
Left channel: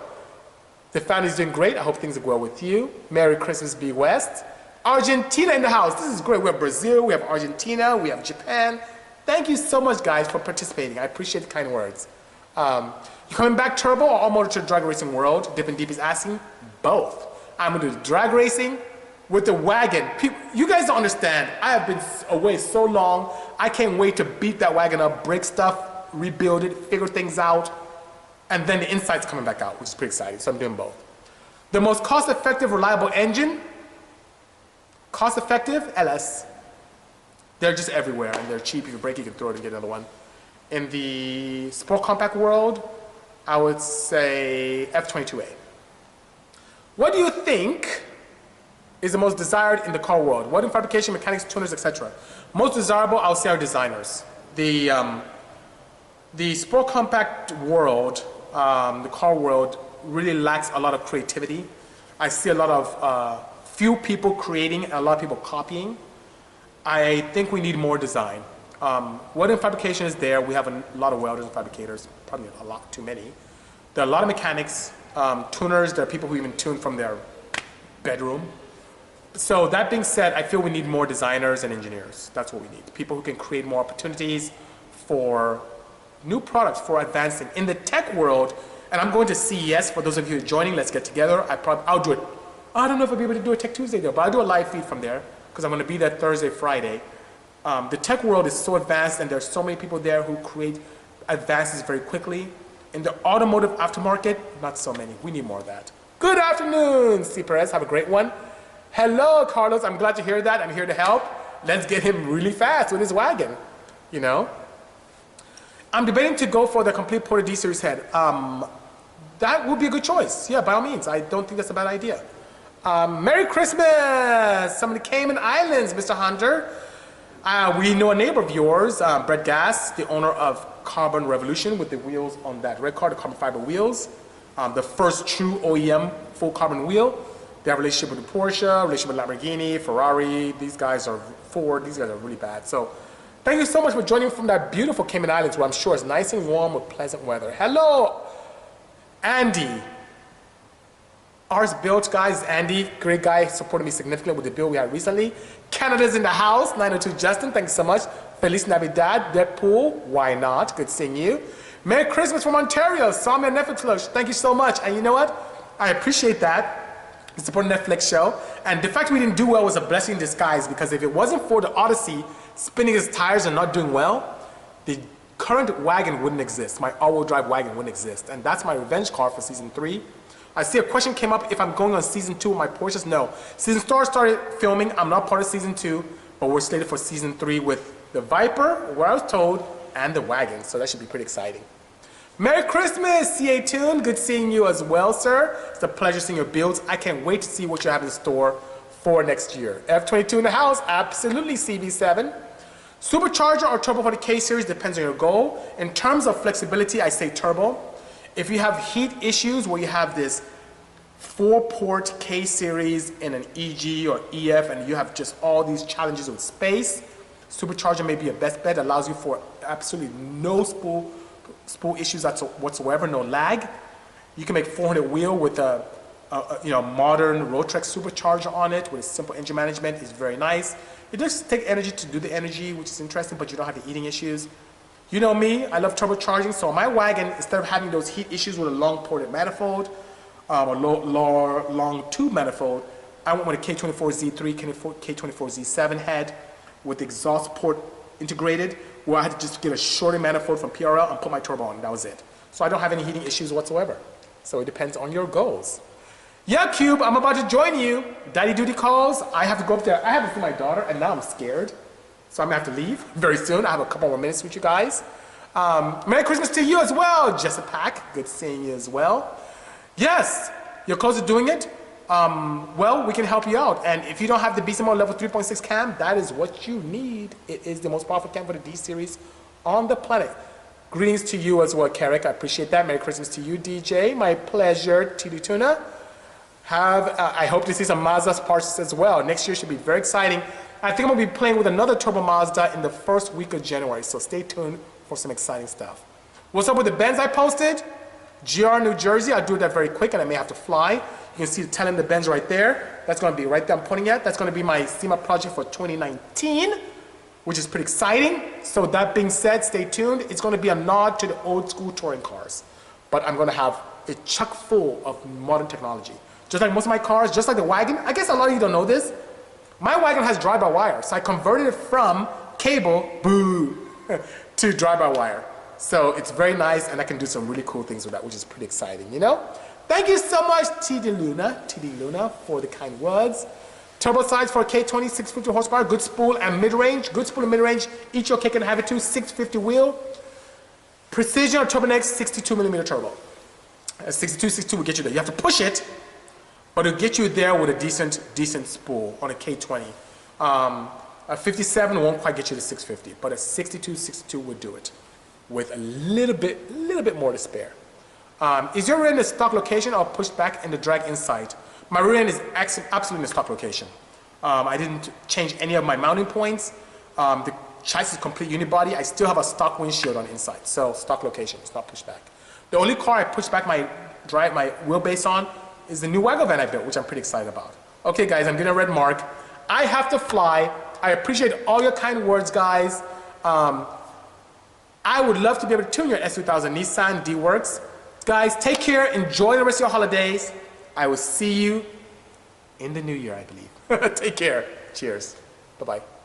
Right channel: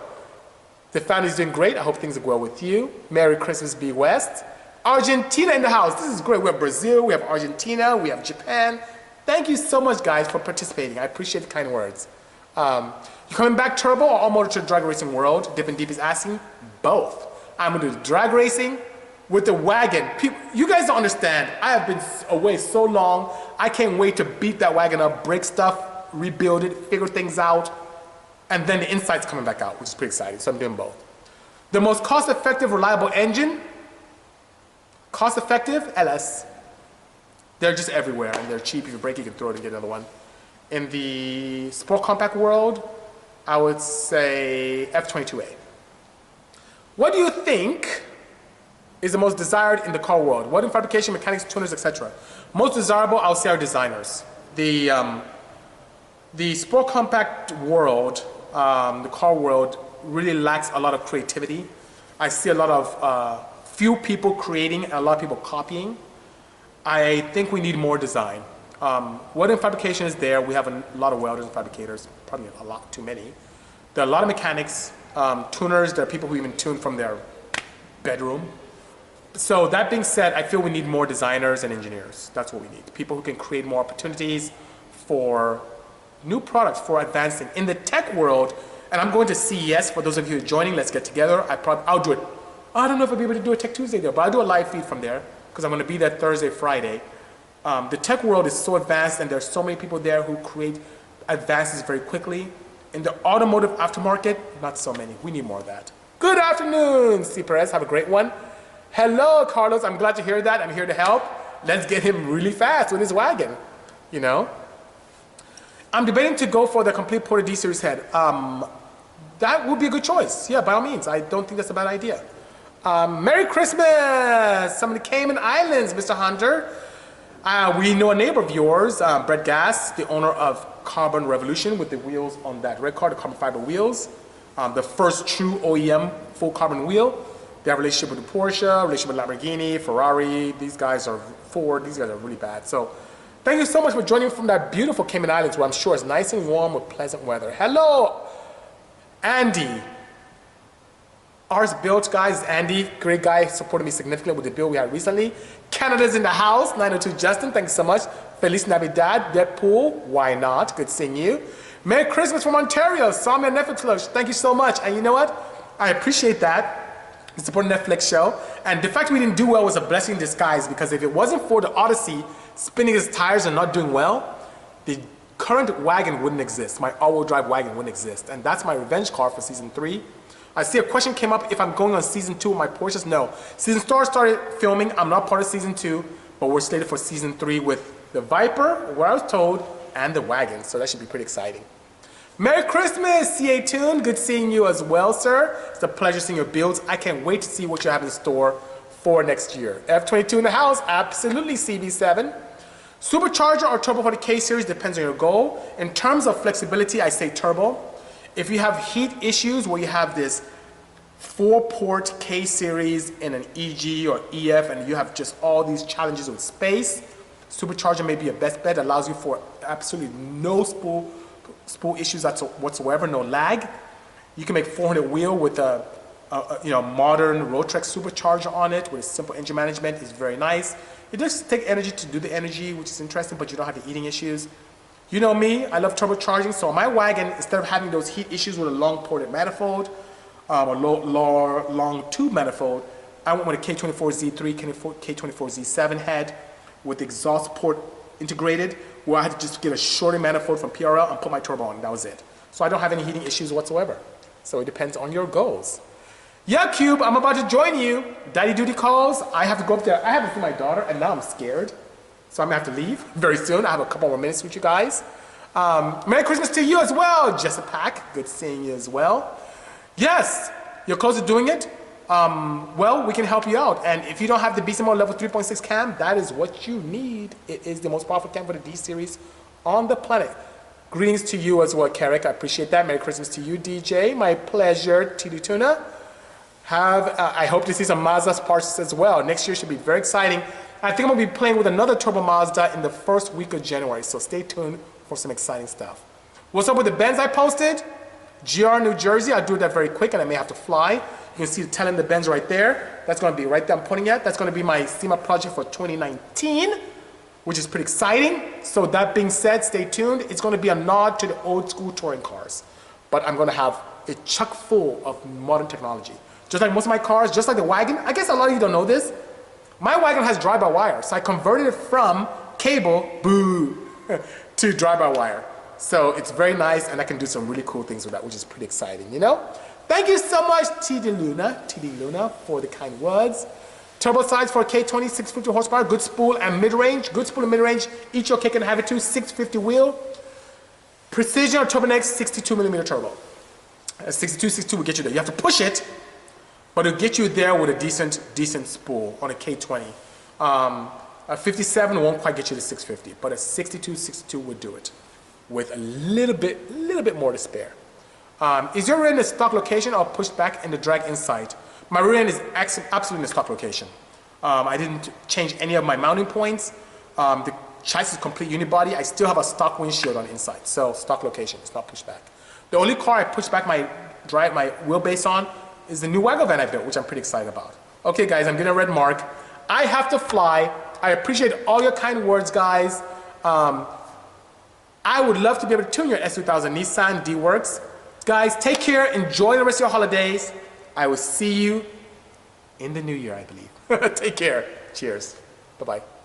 The family's doing great. I hope things are well with you. Merry Christmas, B West. Argentina in the house. This is great. We have Brazil, we have Argentina, we have Japan. Thank you so much, guys, for participating. I appreciate the kind words. You coming back turbo or all motor to the drag racing world? Dip and Deep is asking. Both. I'm going to do drag racing with the wagon. You guys don't understand. I have been away so long. I can't wait to beat that wagon up, break stuff, rebuild it, figure things out, and then the Insight's coming back out, which is pretty exciting. So I'm doing both. The most cost-effective, reliable engine. Cost-effective, LS. They're just everywhere, and they're cheap. If you break it, you can throw it and get another one. In the sport compact world, I would say F22A. What do you think is the most desired in the car world? What in fabrication, mechanics, tuners, etc.? Most desirable, I'll say, are designers. The sport compact world, the car world, really lacks a lot of creativity. I see a lot of few people creating and a lot of people copying. I think we need more design. What in fabrication is there? We have a lot of welders and fabricators, probably a lot too many. There are a lot of mechanics, tuners. There are people who even tune from their bedroom. So that being said, I feel we need more designers and engineers. That's what we need. People who can create more opportunities for new products, for advancing. In the tech world, and I'm going to CES, for those of you who are joining, let's get together. I'll do it. I don't know if I'll be able to do a Tech Tuesday there, but I'll do a live feed from there because I'm going to be there Thursday, Friday. The tech world is so advanced and there's so many people there who create advances very quickly. In the automotive aftermarket, not so many. We need more of that. Good afternoon, C. Perez. Have a great one. Hello, Carlos. I'm glad to hear that. I'm here to help. Let's get him really fast with his wagon, you know. I'm debating to go for the complete Porter D series head. That would be a good choice. Yeah, by all means. I don't think that's a bad idea. Merry Christmas! Some of the Cayman Islands, Mr. Hunter. We know a neighbor of yours, Brett Gass, the owner of Carbon Revolution with the wheels on that red car, the carbon fiber wheels. The first true OEM full carbon wheel. They have a relationship with Porsche, relationship with Lamborghini, Ferrari. These guys are Ford. These guys are really bad. So thank you so much for joining from that beautiful Cayman Islands where I'm sure it's nice and warm with pleasant weather. Hello, Andy. Ours built, guys. Andy, great guy, supported me significantly with the build we had recently. Canada's in the house. 902 Justin, thanks so much. Feliz Navidad. Deadpool, why not? Good seeing you. Merry Christmas from Ontario. Saw me on Netflix. Thank you so much. And you know what? I appreciate that. You support a Netflix show. And the fact we didn't do well was a blessing in disguise because if it wasn't for the Odyssey spinning its tires and not doing well, the current wagon wouldn't exist. My all-wheel drive wagon wouldn't exist. And that's my revenge car for season 3. I see a question came up if I'm going on season 2 of my Porsches. No. Season 4 started filming. I'm not part of season 2, but we're slated for season 3 with the Viper, where I was told, and the wagon. So that should be pretty exciting. Merry Christmas, CA Tune. Good seeing you as well, sir. It's a pleasure seeing your builds. I can't wait to see what you have in store for next year. F22 in the house. Absolutely, CB7. Supercharger or turbo for the K series depends on your goal. In terms of flexibility, I say turbo. If you have heat issues where you have this 4-port K series in an EG or EF and you have just all these challenges with space, supercharger may be your best bet. It allows you for absolutely no spool issues whatsoever, no lag. You can make 400 wheel with a modern Rotrex supercharger on it with a simple engine management. It's very nice. It does take energy to do the energy, which is interesting, but you don't have the eating issues. You know me, I love turbocharging, so on my wagon, instead of having those heat issues with a long ported manifold, or long tube manifold, I went with a K24Z3, K24Z7 head with the exhaust port integrated, where I had to just get a shorter manifold from PRL and put my turbo on, that was it. So I don't have any heating issues whatsoever. So it depends on your goals. Yeah, Cube, I'm about to join you. Daddy duty calls, I have to go up there. I haven't seen my daughter, and now I'm scared. So I'm gonna have to leave very soon. I have a couple more minutes with you guys. Merry Christmas to you as well, Jessica. Good seeing you as well. Yes, you're close to doing it. Well, we can help you out. And if you don't have the Bisimoto level 3.6 cam, that is what you need. It is the most powerful cam for the D series on the planet. Greetings to you as well, Carrick. I appreciate that. Merry Christmas to you, DJ. My pleasure, TD Tuna. I hope to see some Mazda parts as well. Next year should be very exciting. I think I'm going to be playing with another Turbo Mazda in the first week of January, so stay tuned for some exciting stuff. What's up with the Benz I posted? GR New Jersey, I'll do that very quick and I may have to fly. You can see the tail end of the Benz right there. That's going to be right there I'm pointing at. That's going to be my SEMA project for 2019, which is pretty exciting. So that being said, stay tuned. It's going to be a nod to the old school touring cars, but I'm going to have it chock full of modern technology. Just like most of my cars, just like the wagon. I guess a lot of you don't know this. My wagon has drive-by-wire, so I converted it from cable, boo, to drive-by-wire. So it's very nice, and I can do some really cool things with that, which is pretty exciting, you know? Thank you so much, TD Luna, for the kind words. Turbo sides for K20, 650 horsepower, good spool and mid-range. Good spool and mid-range, each your K can have it too, 650 wheel. Precision or Turbo Next, 62mm turbo. A 62, 62 will get you there. You have to push it, but it'll get you there with a decent spool on a K20. A 57 won't quite get you to 650, but a 62, 62 would do it with a little bit more to spare. Is your rear end in the stock location or pushed back in the drag inside? My rear end is absolutely in the stock location. I didn't change any of my mounting points. The chassis is complete unibody. I still have a stock windshield on the inside, so stock location. It's not pushed back. The only car I pushed back my wheelbase on is the new wagon van I built, which I'm pretty excited about. Okay, guys, I'm getting a red mark. I have to fly. I appreciate all your kind words, guys. I would love to be able to tune your S2000 Nissan D-Works. Guys, take care. Enjoy the rest of your holidays. I will see you in the new year, I believe. Take care. Cheers. Bye-bye.